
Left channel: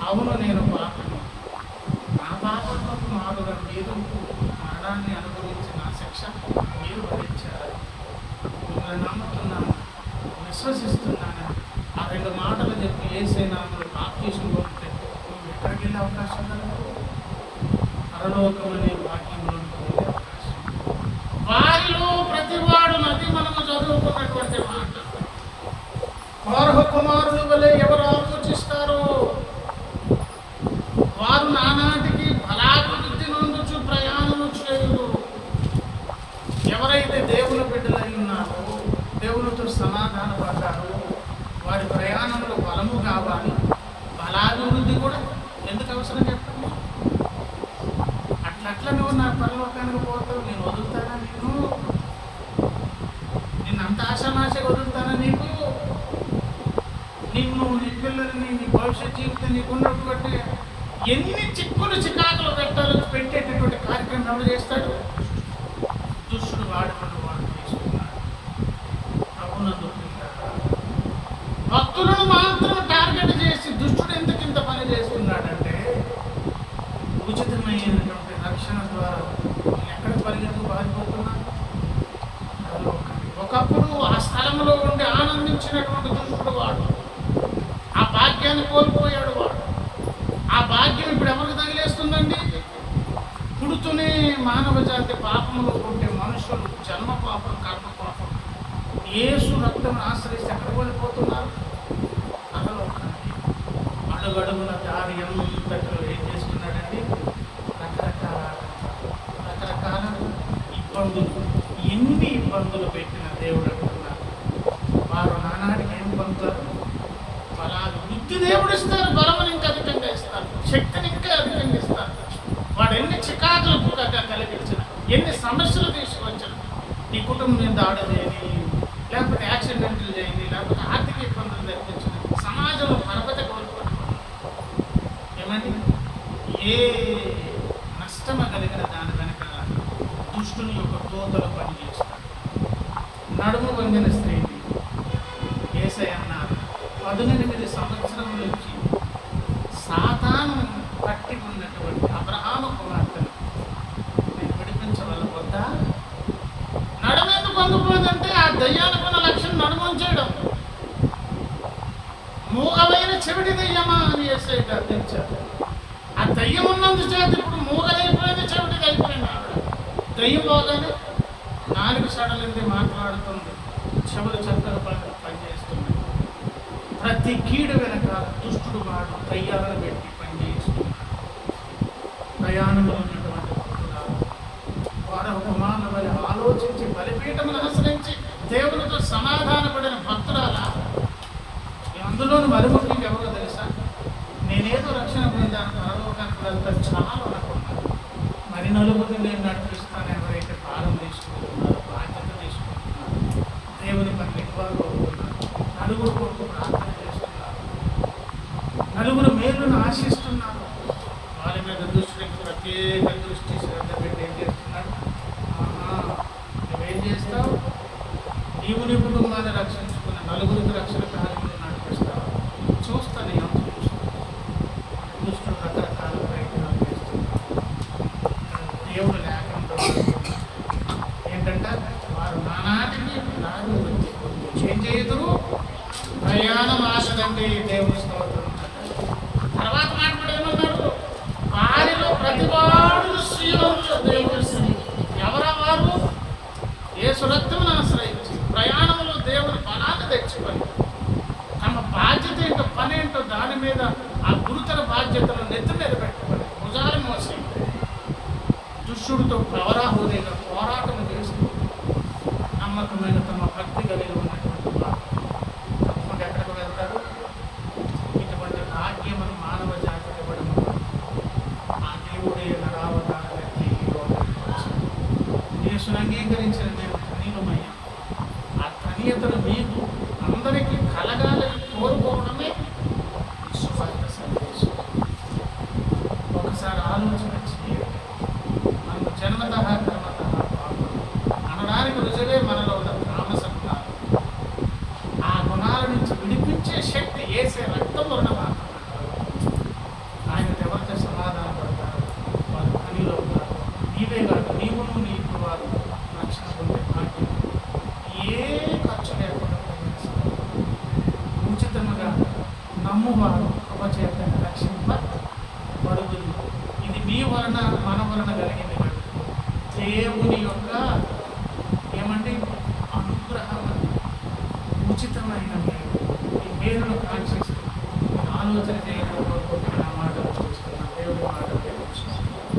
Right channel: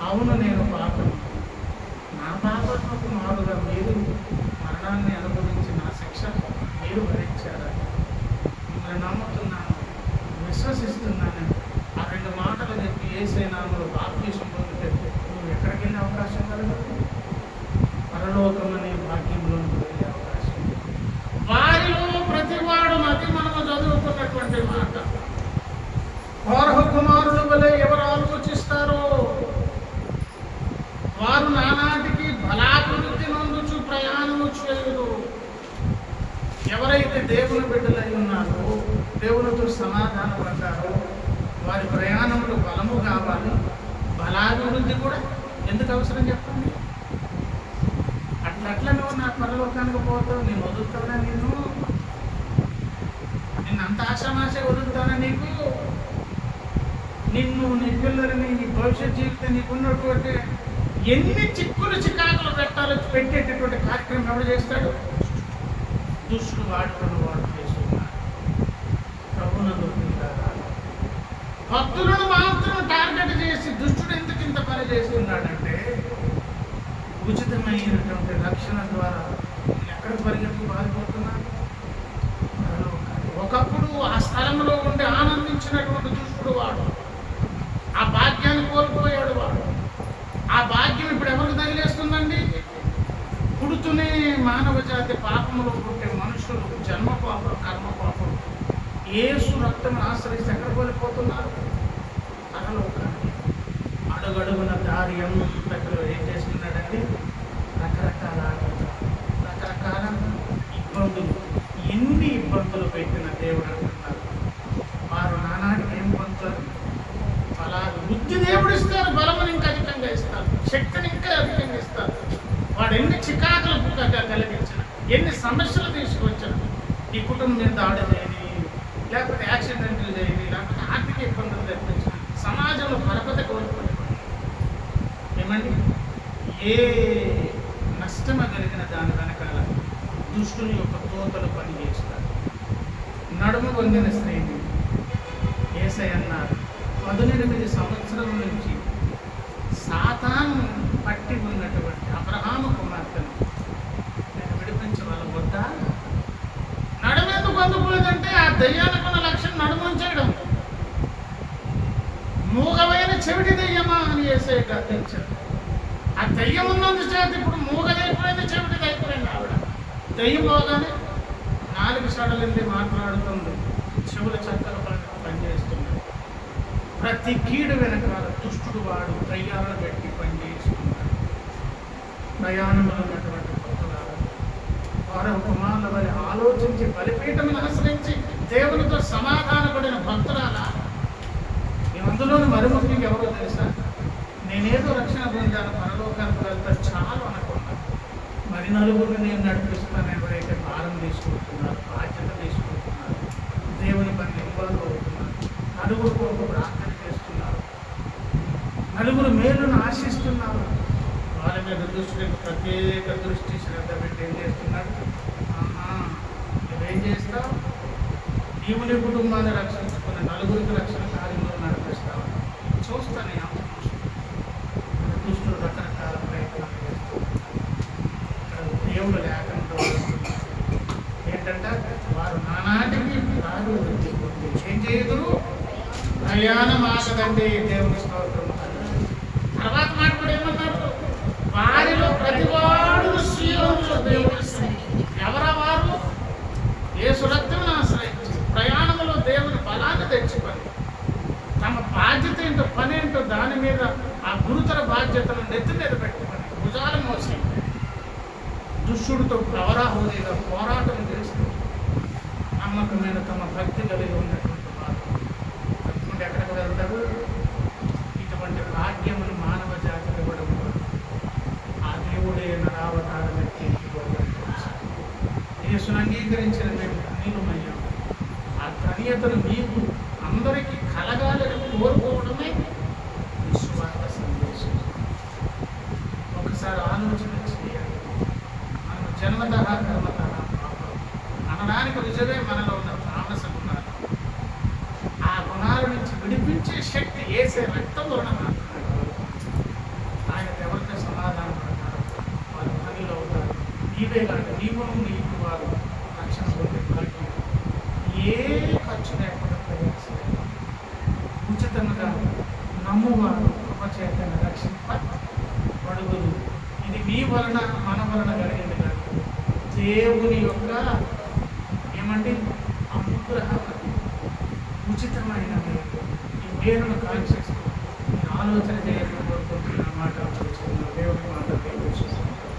అవును, నేను పాపను, నా పాపకు మారుగా మీరు మరణాన్ని అనుభవించి నా శిక్ష మీరు భరించారు. మిమ్మల్ని నమ్ముతున్నాను, విశ్వసిస్తున్నాను. ఆ 2 మాటలు చెప్పి యేసయ్య నామములో బాప్తిసం పొందితే నువ్వు ఎక్కడికి వెళ్ళే అవకాశం కలగదు? పరలోకమనే భాగ్యంలోకి వెళ్ళే అవకాశం. వారిలో ప్రతివాడు నది మనము చదువుకున్నటువంటి మాట. కోరహ కుమారుల వలె ఎవరు ఆలోచిస్తారో వారు నానాటికి బలాభివృద్ధి నొందుచు ప్రయాణము చేయుదురు. ఎవరైతే దేవుని బిడ్డలై ఉన్నారో, దేవునితో సమాధాన పడ్డారో వారి ప్రయాణంలో బలము కావాలి. బలాభివృద్ధి కూడా ఎందుకు అవసరం చెప్పండి? అట్లా నువ్వు నా పరలోకానికి పోతావు, నేను వదులుతానా? నిన్ను అంత ఆశామాషగా వదులుతానా? నిన్ను, నీ పిల్లలని, నీ భవిష్యత్ జీవితం, నీకున్నటువంటి ఎన్ని చిక్కులు చికాకులు పెట్టేటటువంటి కార్యక్రమం ఎవరు చేస్తాడు? దుష్టుడు వాడు చేస్తున్నాడు. ప్రభునందు భక్తులను మాత్రం టార్గెట్ చేసి దుష్టుడు ఎందుకు ఇంత పని చేస్తున్నాడంటే ఉచితమైనటువంటి రక్షణ ద్వారా ఎక్కడ పరిగెత్తు పారిపోతున్నాడు? ఒకప్పుడు ఆ స్థలంలో ఉండి ఆనందించినటువంటి దుష్టుడు వాడు, ఆ భాగ్యాన్ని కోల్పోయాడు వాడు. ఆ భాగ్యం ఇప్పుడు ఎవరికి తగిలేస్తుందండి? పుడుతూనే మానవ జాతి పాపంలో పుట్టే మనుషులు జన్మ పాపం, కర్మ పాపం యేసు రక్తం ఆశ్రయిస్తే ఎక్కడ కోల్పోతున్నారు? పరలోకానికి. అడుగడుగున దారి అంతట్లో ఏం చేస్తున్నాడండి? రకరకాల ఇబ్బందులు. ఎన్ని ఇబ్బందులు పెట్టిన దేవుడు అంటున్నారు. వారు నానాటికి ఏం పొందుతారు? బలాలు. వృద్ధి దేవుడు ఇస్తారు, బలముని ఇంకా అధికంగా ఇస్తారు, శక్తిని ఇంకా అధికంగా ఇస్తారు. వాడు ఎన్ని చికాకులు కలిగించిన, ఎన్ని సమస్యలు తీసుకొచ్చిన, ఈ కుటుంబం మీద దాడి చేయని, లేకపోతే యాక్సిడెంట్లు చేయని, లేకపోతే ఆర్థిక ఇబ్బందులు తెప్పించిన, సమాజంలో పరపత కోల్పోయి ఏమండి ఏ నష్టము కలిగిన దాని వెనకాల దుష్టుని యొక్క తోతలు పనిచేస్తాడు. నడుము వంగిన స్త్రీని యేసయ్య అన్నారు 18 సంవత్సరం నుంచి సాతాను పట్టి ఉన్నటువంటి అబ్రహాము కుమార్తెను నేను విడిపించవలవద్దా? నడుమెందుకు అందుకోదంటే ఆ దయ్యాలకున్న లక్ష్యం నడుముంచేయడం. మూగమైన చెవిటి దయ్యమా అని యేసయ్య గద్దించారు. ఆ దయ్యం ఉన్నందు చేత ఇప్పుడు మూగదైపోయింది, చెవిటిది అయిపోయింది ఆవిడ. దయ్యం పోగానే నాలుగు సడలింది మాట్లాడుతుంది, చెవులు చక్కగా పనిచేస్తున్నాయి. ప్రతి కీడు వెనకాల దుష్టుడు వాడు దయ్యాలను పెట్టి పనిచేస్తున్నాడు. ప్రయాణంలో ఉన్నటువంటి భక్తులారా, వారు కుమారుల వల్ల ఆలోచించి బలిపీఠమును అనుసరించి దేవునితో సమాధానపడిన భక్తురాల. అందులోని మరుముఖ్యంగా ఎవరో తెలుసా? నేనేదో రక్షణ పొందాను, పరలోకానికి వెళ్తా చాలు అనుకున్నాను. మరి నలుగురిని నేను నడిపిస్తాను. ఎవరైతే భారం తీసుకుంటున్నారో, బాధ్యత తీసుకుంటున్నారు, దేవుని పని ఇన్వాల్వ్ అవుతున్నారు, నలుగురు కొరకు ప్రార్థన చేస్తున్నారు, నలుగురు మేలును ఆశిస్తున్నారు, వాళ్ళ మీద దుష్టుడికి ప్రత్యేక దృష్టి శ్రద్ధ పెట్టి ఏం చేస్తున్నాడు? నువ్వేం చేస్తావు? నీవు నీ కుటుంబాన్ని రక్షించుకుని నలుగురికి రక్షణ కార్యంలో నడిపిస్తావు. చూస్తాను ఎంత దుష్టుడు రకరకాల ప్రయత్నాలు చేస్తున్నాడు. దేవుడు లేకుండా ఏంటంటే వారు నానాటికి నాడు ఏం చేయదురు, ప్రయాణం ఆగదండి. దేవుని స్తోత్రం. తర్వాత మాట కూడా ఏమన్నారు? వారిలో ప్రతివాడు శ్రీలోనిలో దేవుడు. ఎవరా వారు? యేసు రక్తమును ఆశ్రయించి ప్రయాణంలో దేవుని బలాన్ని తెచ్చుకొని తమ బాధ్యత ఏంటో, పని ఏంటో దాని మీద ఆ గురుతర బాధ్యతను నెత్తి మీద పెట్టుకొని భుజాలు మోసి దుష్టుడితో ప్రవరాహుదేగా పోరాటం చేస్తూ నమ్మకమైన తమ భక్తి కలిగి ఉన్నటువంటి వారు తప్పకుండా ఎక్కడికి వెళ్తారు? ఇటువంటి భాగ్యమును మానవ జాతికి ఇవ్వడం ఆ దేవుడే నరావతారం ఎత్తి యేసును అంగీకరించిన మేము ధన్యులమయ్యాం. ఆ ధన్యతను మీకు అందరికీ కలగాలని కోరుకోవడమే సువార్త సందేశం. ఒకసారి ఆలోచన చేయాలి. మనము జన్మతః కర్మతః పాపం అనడానికి రుజువే మనలో ఉన్న తామస గుణాలు. ఆ గుణాల నుంచి విడిపించే శక్తి యేసే రక్తంలో ఉన్న మాత్రం. ఆయన ఎవరితో సమాధానం పడతారు? వారు పనిలో ఉంటారు. నీవే కాదు, నీవును నీకు వారు రక్షణ పొందే భాగ్యం. ఏ ఖర్చు లేకుండా ఉచితంగా నమ్మువారు కృపచేతను రక్షింపబడుదురు. ఇది మీ వలన మన వలన కలిగింది కాదు, దేవుని యొక్క ఏమండి అనుగ్రహం. ఉచితమైన ఈ పేరును కాంక్షిస్తూ ఆలోచన చేయాలి.